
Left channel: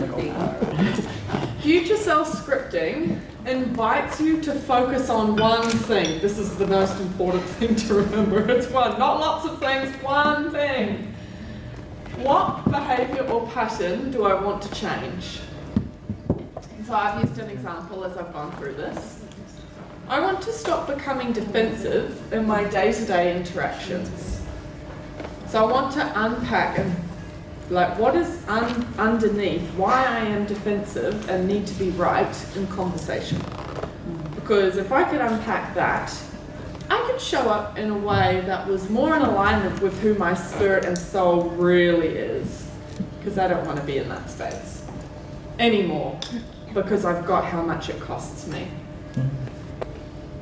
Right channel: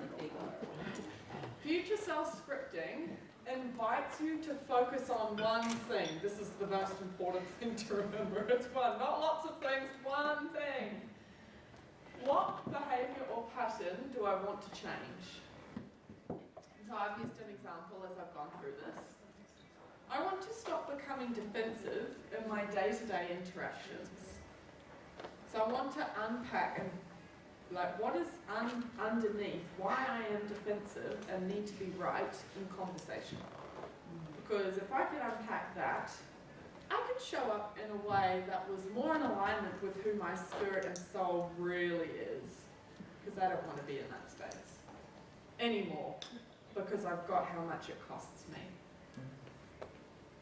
future self scripting invites you to focus on one thing. This is the most important thing to remember. It's one, not lots of things, one thing. What behavior or pattern do I want to change? So I've used an example as I've gone through this. I want to stop becoming defensive in my day-to-day interactions. So I want to unpack what is underneath why I am defensive and need to be right in conversation. Because if I could unpack that, I could show up in a way that was more in alignment with who my spirit and soul really is. Because I don't want to be in that space anymore. Because I've got how much it costs me.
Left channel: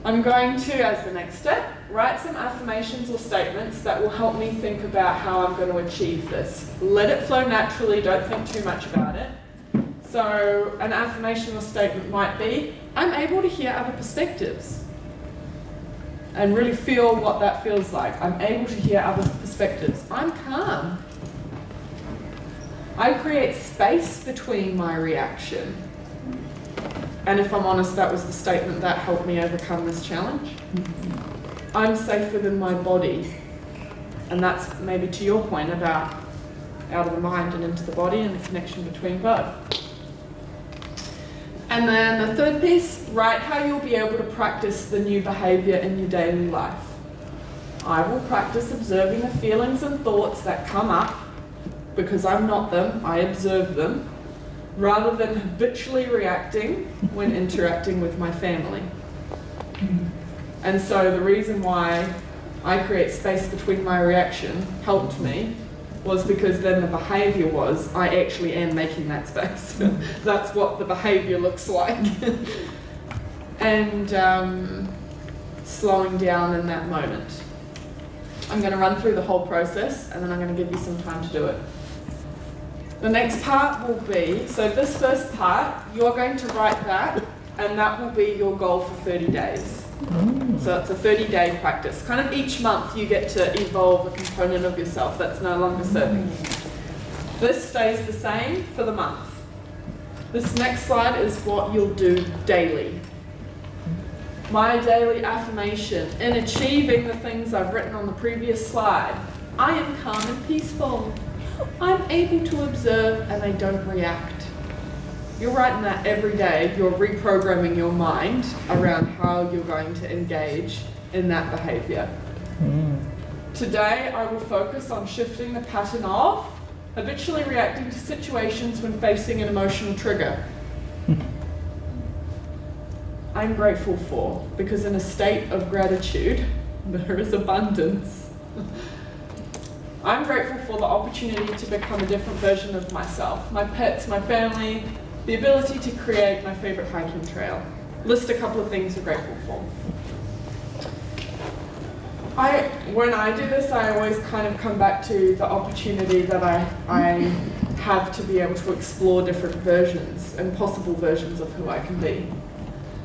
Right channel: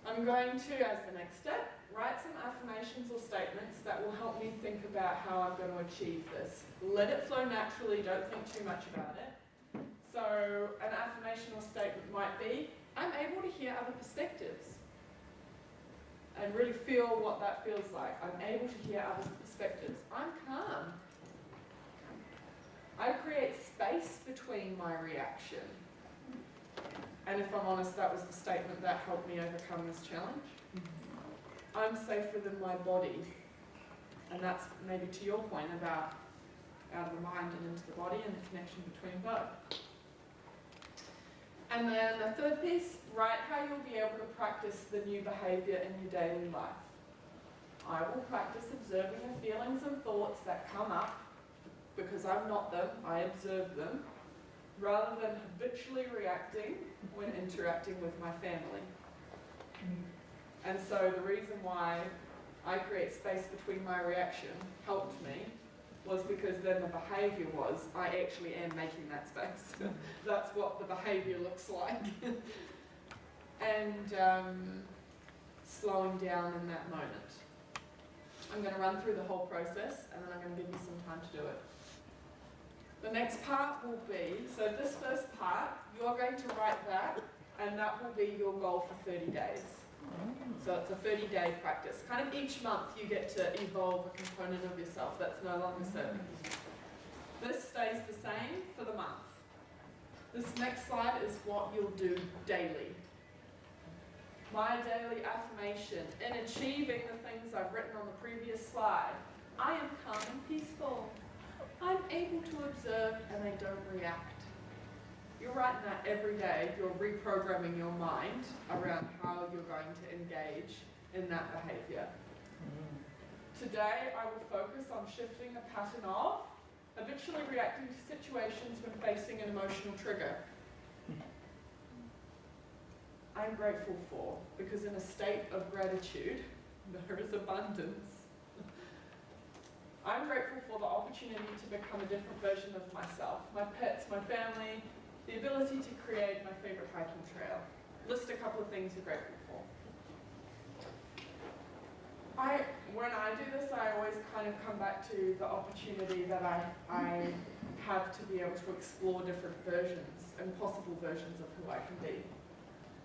I'm going to, as the next step, write some affirmations or statements that will help me think about how I'm going to achieve this. Let it flow naturally, don't think too much about it. So an affirmation or statement might be, I'm able to hear other perspectives. And really feel what that feels like. I'm able to hear other perspectives. I'm calm. I create space between my reaction. And if I'm honest, that was the statement that helped me overcome this challenge. I'm safe within my body. And that's maybe to your point about out of the mind and into the body and the connection between both. And then the third piece, write how you'll be able to practice the new behavior in your daily life. I will practice observing the feelings and thoughts that come up because I'm not them, I observe them, rather than habitually reacting when interacting with my family. And so the reason why I create space between my reaction helped me was because then the behavior was, I actually am making that space. That's what the behavior looks like. And slowing down in that moment. I'm going to run through the whole process and then I'm going to give you some time to do it. The next part will be, so this first part, you're going to write that and that will be your goal for 30 days. So it's a 30-day practice. Kind of each month you get to evolve a component of yourself that's no longer serving you. This stays the same for the month. This next slide is what you'll do daily. My daily affirmation in achieving the things I've written on the previous slide. I am calm and peaceful. I'm able to observe and I don't react. You're writing that every day. You're reprogramming your mind around how you're going to engage in that behavior. Today, I will focus on shifting the pattern of habitually reacting to situations when facing an emotional trigger. I'm grateful for, because in a state of gratitude, there is abundance. I'm grateful for the opportunity to become a different version of myself, my pets, my family, the ability to create my favorite hiking trail. List a couple of things you're grateful for. When I do this, I always kind of come back to the opportunity that I have to be able to explore different versions and possible versions of who I can be.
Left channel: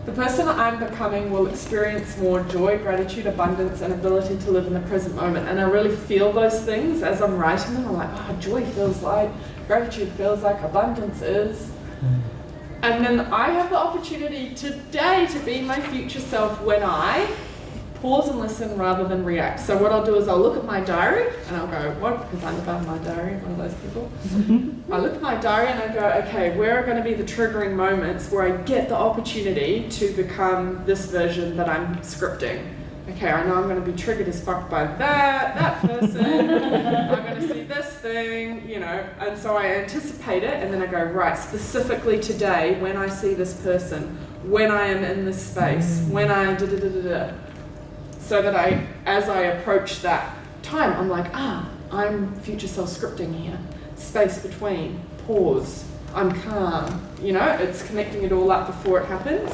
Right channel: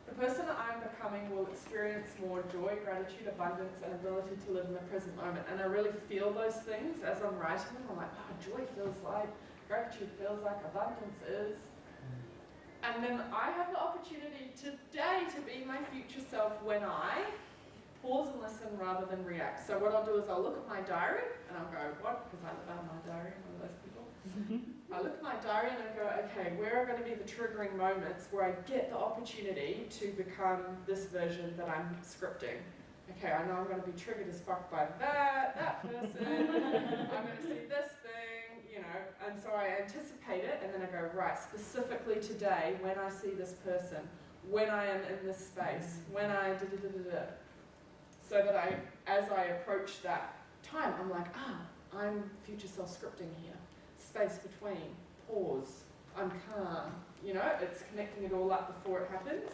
The person I'm becoming will experience more joy, gratitude, abundance, and ability to live in the present moment. And I really feel those things as I'm writing them. I'm like, oh, joy feels like, gratitude feels like, abundance is. And then I have the opportunity today to be my future self when I Pause and listen rather than react. So what I'll do is I'll look at my diary and I'll go, what? Because I'm about my diary, I'm one of those people. I look at my diary and I go, okay, where are going to be the triggering moments where I get the opportunity to become this version that I'm scripting? Okay, I know I'm going to be triggered as fuck by that person, I'm going to see this thing, you know, and so I anticipate it and then I go, right, specifically today when I see this person, when I am in this space, when I da-da-da-da-da. So that as I approach that time, I'm like, I'm future self scripting here. Space between, pause, I'm calm. You know, it's connecting it all up before it happens.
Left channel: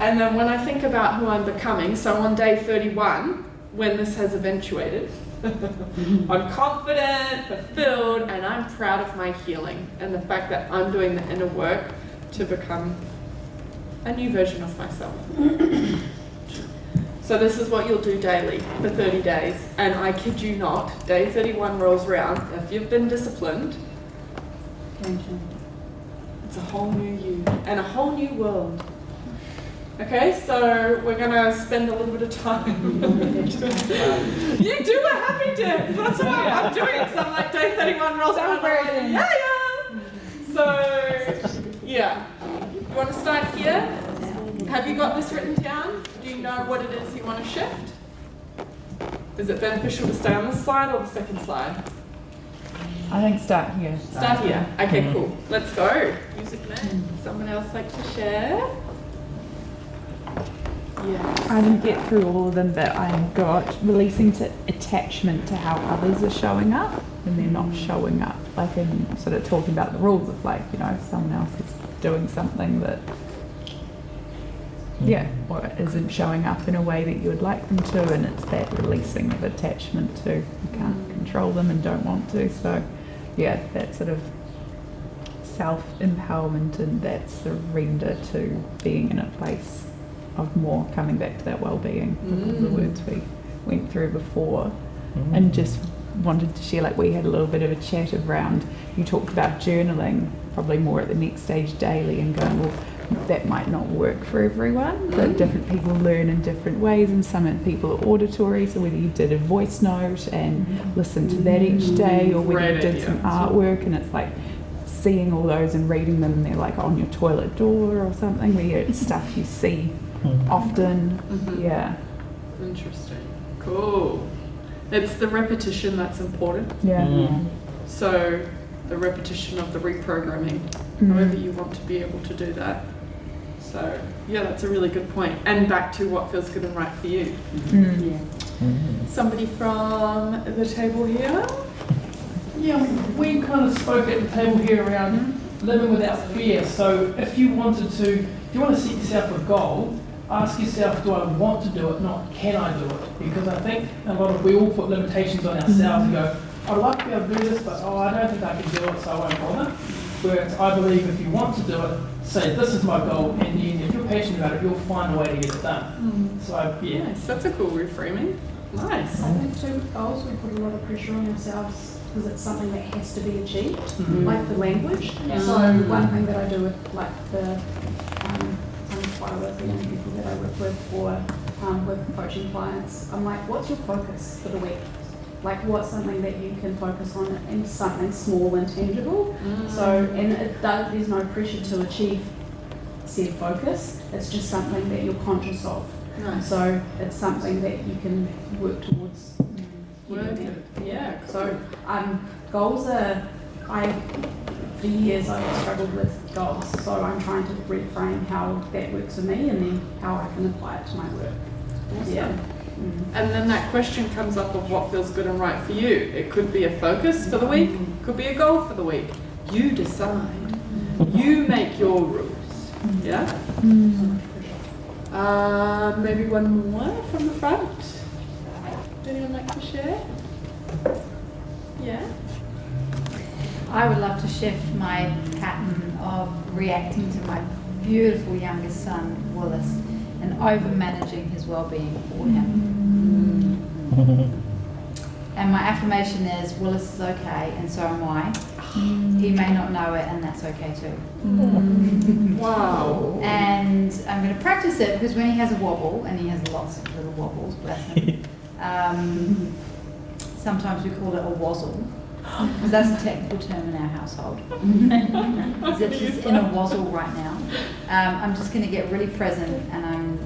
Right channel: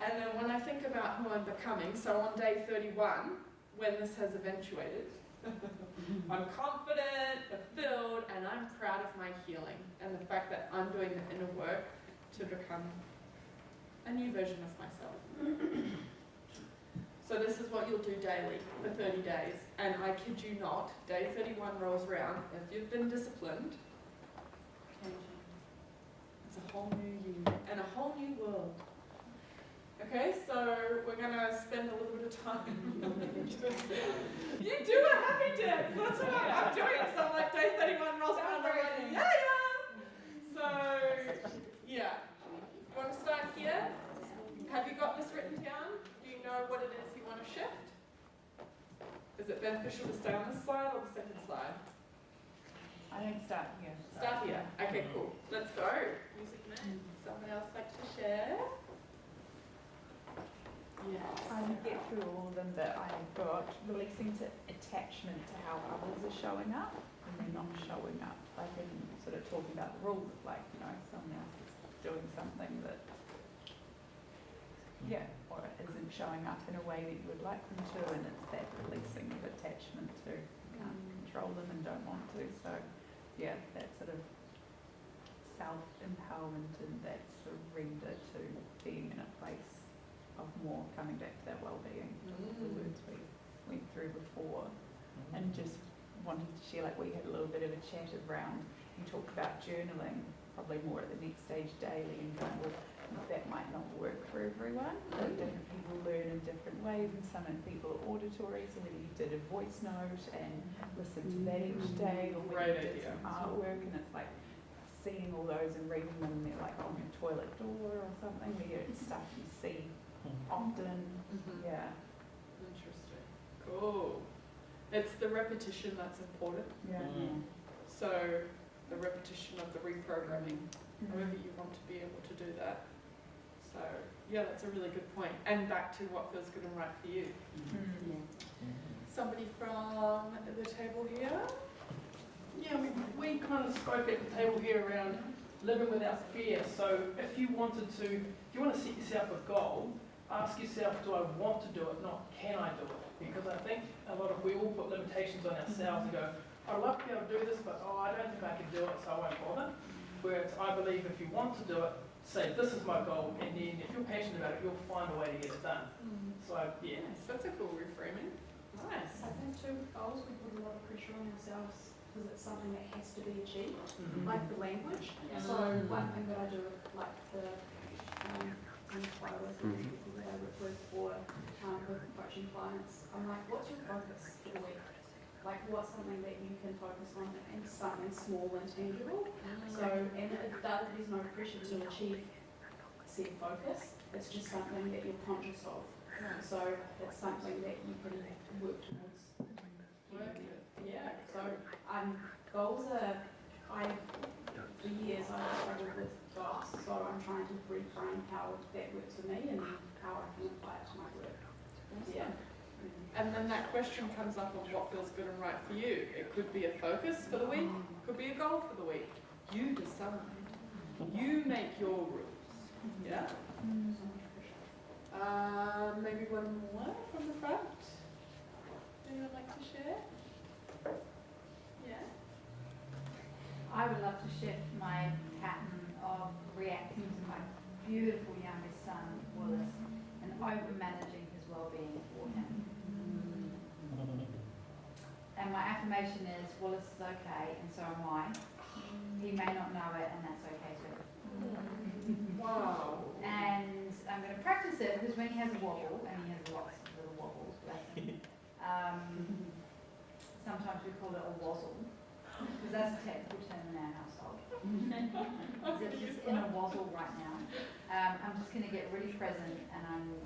And then when I think about who I'm becoming, so on day 31, when this has eventuated, I'm confident, fulfilled, and I'm proud of my healing and the fact that I'm doing the inner work to become a new version of myself. So this is what you'll do daily for 30 days. And I kid you not, day 31 rolls around. If you've been disciplined, it's a whole new you and a whole new world. Okay, so we're going to spend a little bit of time. You do a happy dance. That's what I'm doing. So I'm like, day 31 rolls around. Like, yeah. So, yeah. You want to start here? Have you got this written down? Do you know what it is you want to shift? Is it beneficial to stay on this slide or the second slide? I think start here. Start here. Okay, cool. Let's go. Music man. Someone else like to share? Yes. I didn't get through all of them, but I got releasing to attachment to how others are showing up and they're not showing up. Like in sort of talking about the rules of like, you know, if someone else is doing something that or isn't showing up in a way that you would like them to, and it's that releasing of attachment to you can't control them and don't want to. So that sort of self-empowerment and that surrender to being in a place of more coming back to that well-being with all the words we went through before. And just wanted to share, like we had a little bit of a chat around, you talked about journaling probably more at the next stage daily and going, well, that might not work for everyone, but different people learn in different ways, and some people are auditory, so whether you did a voice note and listened to that each day, or whether you did some artwork and it's like seeing all those and reading them and they're like on your toilet door or something, where it's stuff you see often. Interesting. Cool. It's the repetition that's important. So the repetition of the reprogramming, however you want to be able to do that. So that's a really good point. And back to what feels good and right for you. Somebody from the table here? Yeah, we kind of spoke at the table here around living without fear. So if you want to set yourself a goal, ask yourself, do I want to do it, not can I do it? Because I think we all put limitations on ourselves and go, I'd like to be able to do this, but I don't think I can do it, so I won't bother. Whereas I believe if you want to do it, say this is my goal, and then if you're passionate about it, you'll find a way to get it done. So Nice, that's a cool reframing. Nice. I think too, goals we put a lot of pressure on ourselves because it's something that has to be achieved, like the language. So one thing that I do with like the the young people that I work with or with coaching clients, I'm like, what's your focus for the week? Like what's something that you can focus on and something small and tangible. So, and there's no pressure to achieve said focus, it's just something that you're conscious of. Nice. So it's something that you can work towards. Yeah. So goals are, for years I've struggled with goals, so I'm trying to reframe how that works for me and then how I can apply it to my work. Awesome. And then that question comes up of what feels good and right for you. It could be a focus for the week, could be a goal for the week. You decide. You make your rules. Yeah? Maybe one more from the front. Anyone like to share? Yeah? I would love to shift my pattern of reacting to my beautiful youngest son, Willis, and over-managing his well-being for him. And my affirmation is, Willis is okay, and so am I. He may not know it, and that's okay too. Wow. And I'm going to practice it because when he has a wobble, and he has lots of little wobbles, bless him, sometimes we call it a wazzle. Because that's a technical term in our household. He's in a wazzle right now. I'm just going to get really present, and I'm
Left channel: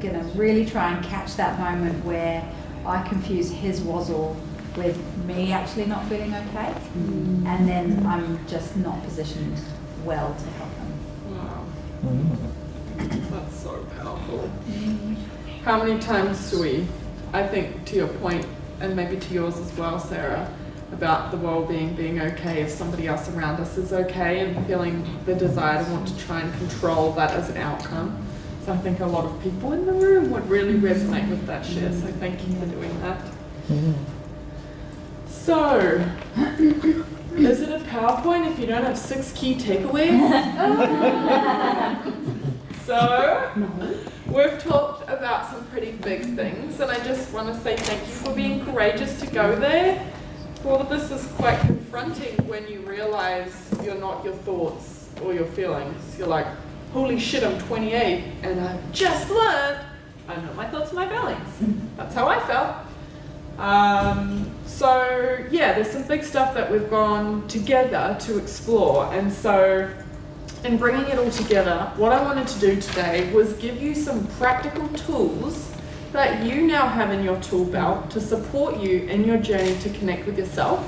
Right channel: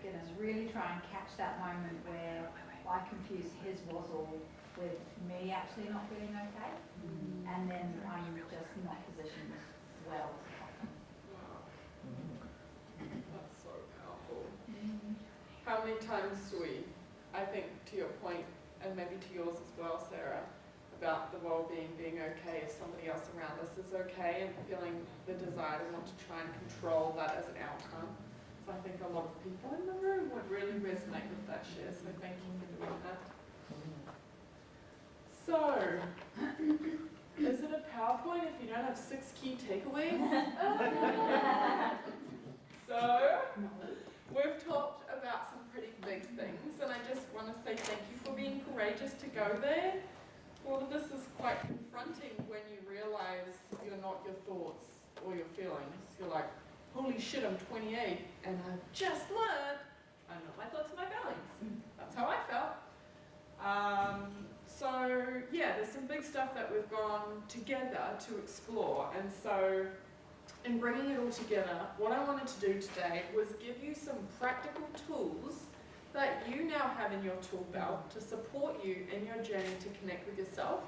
going to really try and catch that moment where I confuse his wazzle with me actually not feeling okay, and then I'm just not positioned well to help him. Wow. That's so powerful. How many times do we, I think to your point, and maybe to yours as well, Sarah, about the well-being being okay if somebody else around us is okay, and feeling the desire to want to try and control that as an outcome. So I think a lot of people in the room would really resonate with that share, so thank you for doing that. So, is it a PowerPoint if you don't have 6 key takeaways? So, we've talked about some pretty big things, and I just want to say thank you for being courageous to go there. All of this is quite confronting when you realize you're not your thoughts or your feelings. You're like, holy shit, I'm 28 and I've just learned I'm not my thoughts and my feelings. That's how I felt. So yeah, there's some big stuff that we've gone together to explore, and so in bringing it all together, what I wanted to do today was give you some practical tools that you now have in your tool belt to support you in your journey to connect with yourself,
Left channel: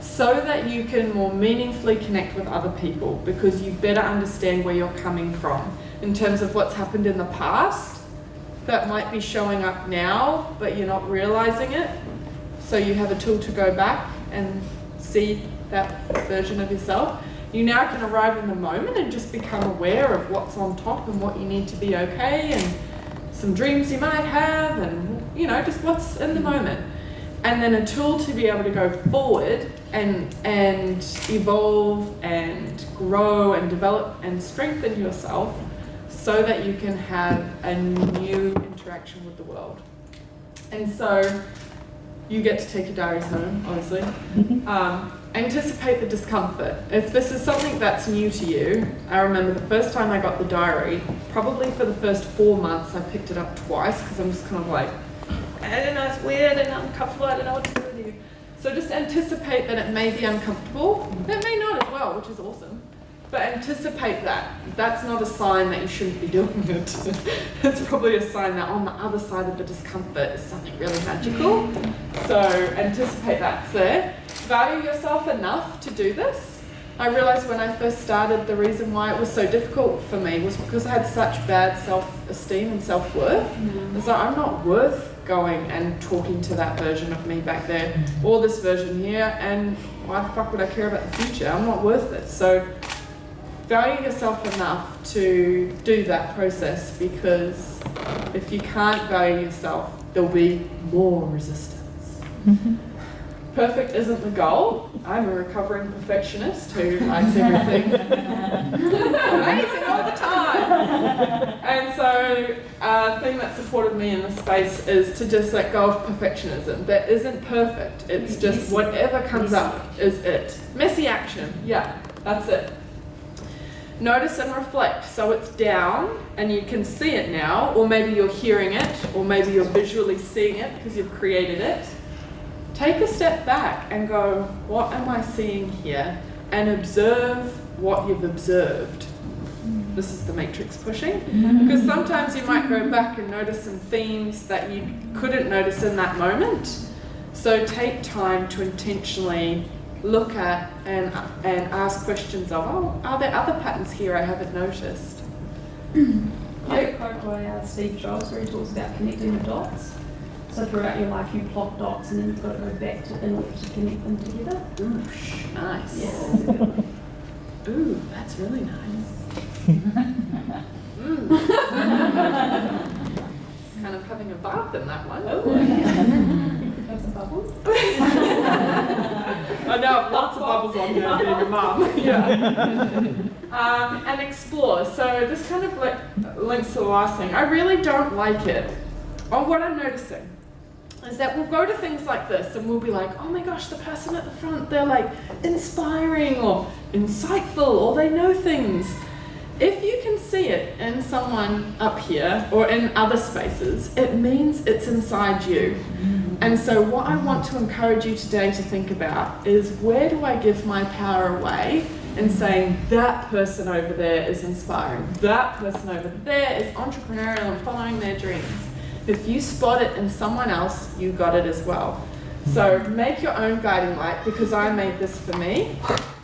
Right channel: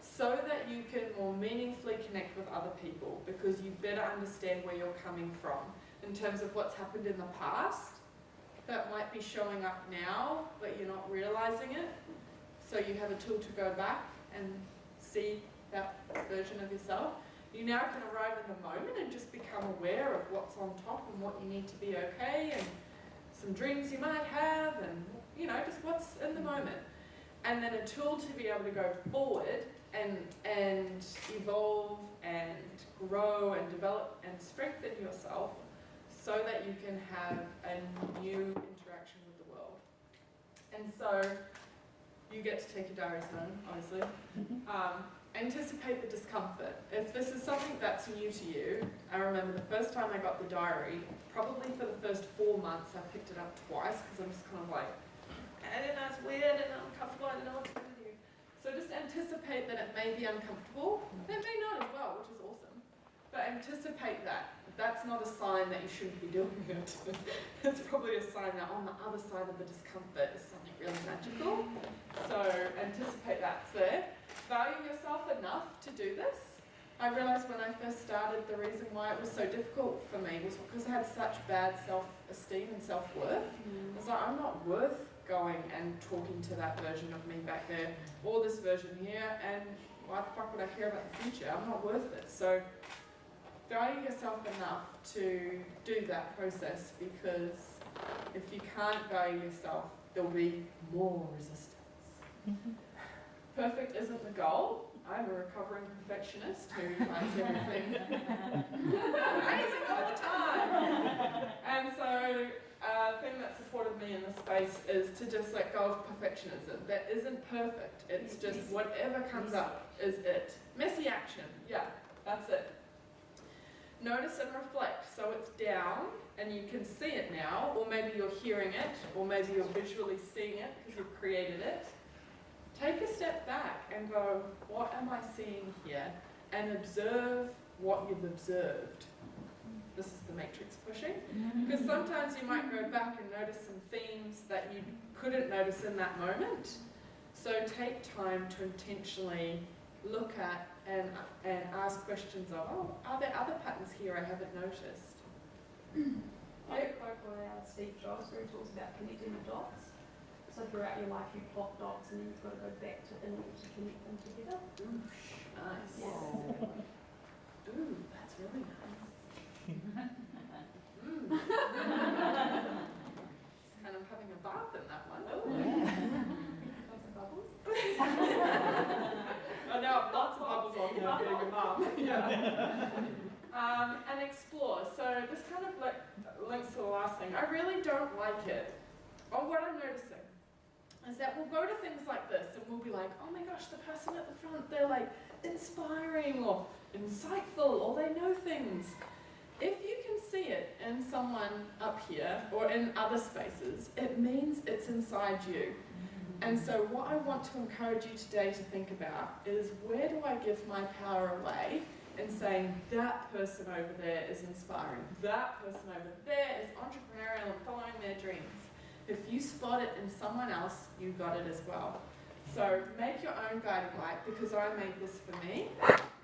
so that you can more meaningfully connect with other people, because you better understand where you're coming from in terms of what's happened in the past that might be showing up now, but you're not realizing it. So you have a tool to go back and see that version of yourself. You now can arrive in the moment and just become aware of what's on top and what you need to be okay, and some dreams you might have, and you know, just what's in the moment. And then a tool to be able to go forward and evolve and grow and develop and strengthen yourself, so that you can have a new interaction with the world. And so you get to take your diaries home, obviously. Anticipate the discomfort. If this is something that's new to you, I remember the first time I got the diary, probably for the first 4 months, I picked it up twice, because I'm just kind of like, I don't know, it's weird and uncomfortable, I don't know what to do with you. So just anticipate that it may be uncomfortable. It may not as well, which is awesome. But anticipate that. That's not a sign that you shouldn't be doing it. It's probably a sign that on the other side of the discomfort is something really magical. So anticipate that's there. Value yourself enough to do this. I realized when I first started, the reason why it was so difficult for me was because I had such bad self-esteem and self-worth. It's like, I'm not worth going and talking to that version of me back there, or this version here, and why the fuck would I care about the future? I'm not worth it. So value yourself enough to do that process, because if you can't value yourself, there'll be more resistance. Perfect isn't the goal. I'm a recovering perfectionist who likes everything amazing all the time. And so a thing that supported me in this space is to just let go of perfectionism. That isn't perfect. It's just whatever comes up is it. Messy action. Yeah, that's it. Notice and reflect. So it's down and you can see it now, or maybe you're hearing it, or maybe you're visually seeing it because you've created it. Take a step back and go, what am I seeing here? And observe what you've observed. This is the matrix pushing. Because sometimes you might go back and notice some themes that you couldn't notice in that moment. So take time to intentionally look at and ask questions of, oh, are there other patterns here I haven't noticed? I have a quote by Steve Jobs where he talks about connecting the dots. So throughout your life you plot dots and then you've got to go back to in order to connect them together. Nice. Yeah, that's a good one. Ooh, that's really nice. It's kind of having a bath in that one. Have some bubbles. I know, lots of bubbles on here being a mum. Yeah. And explore. So this kind of links to the last thing. I really don't like it. Oh, what I'm noticing is that we'll go to things like this and we'll be like, oh my gosh, the person at the front, they're like inspiring or insightful or they know things. If you can see it in someone up here or in other spaces, it means it's inside you. And so what I want to encourage you today to think about is, where do I give my power away in saying that person over there is inspiring, that person over there is entrepreneurial and following their dreams. If you spot it in someone else, you got it as well. So make your own guiding light, because I made this for me.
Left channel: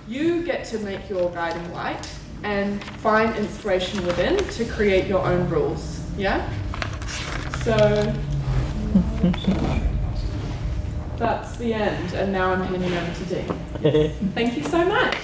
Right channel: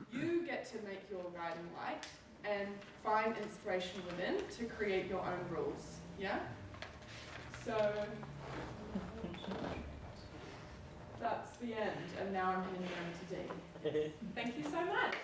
You get to make your guiding light and find inspiration within to create your own rules. Yeah? So that's the end, and now I'm handing over to Dean. Thank you so much.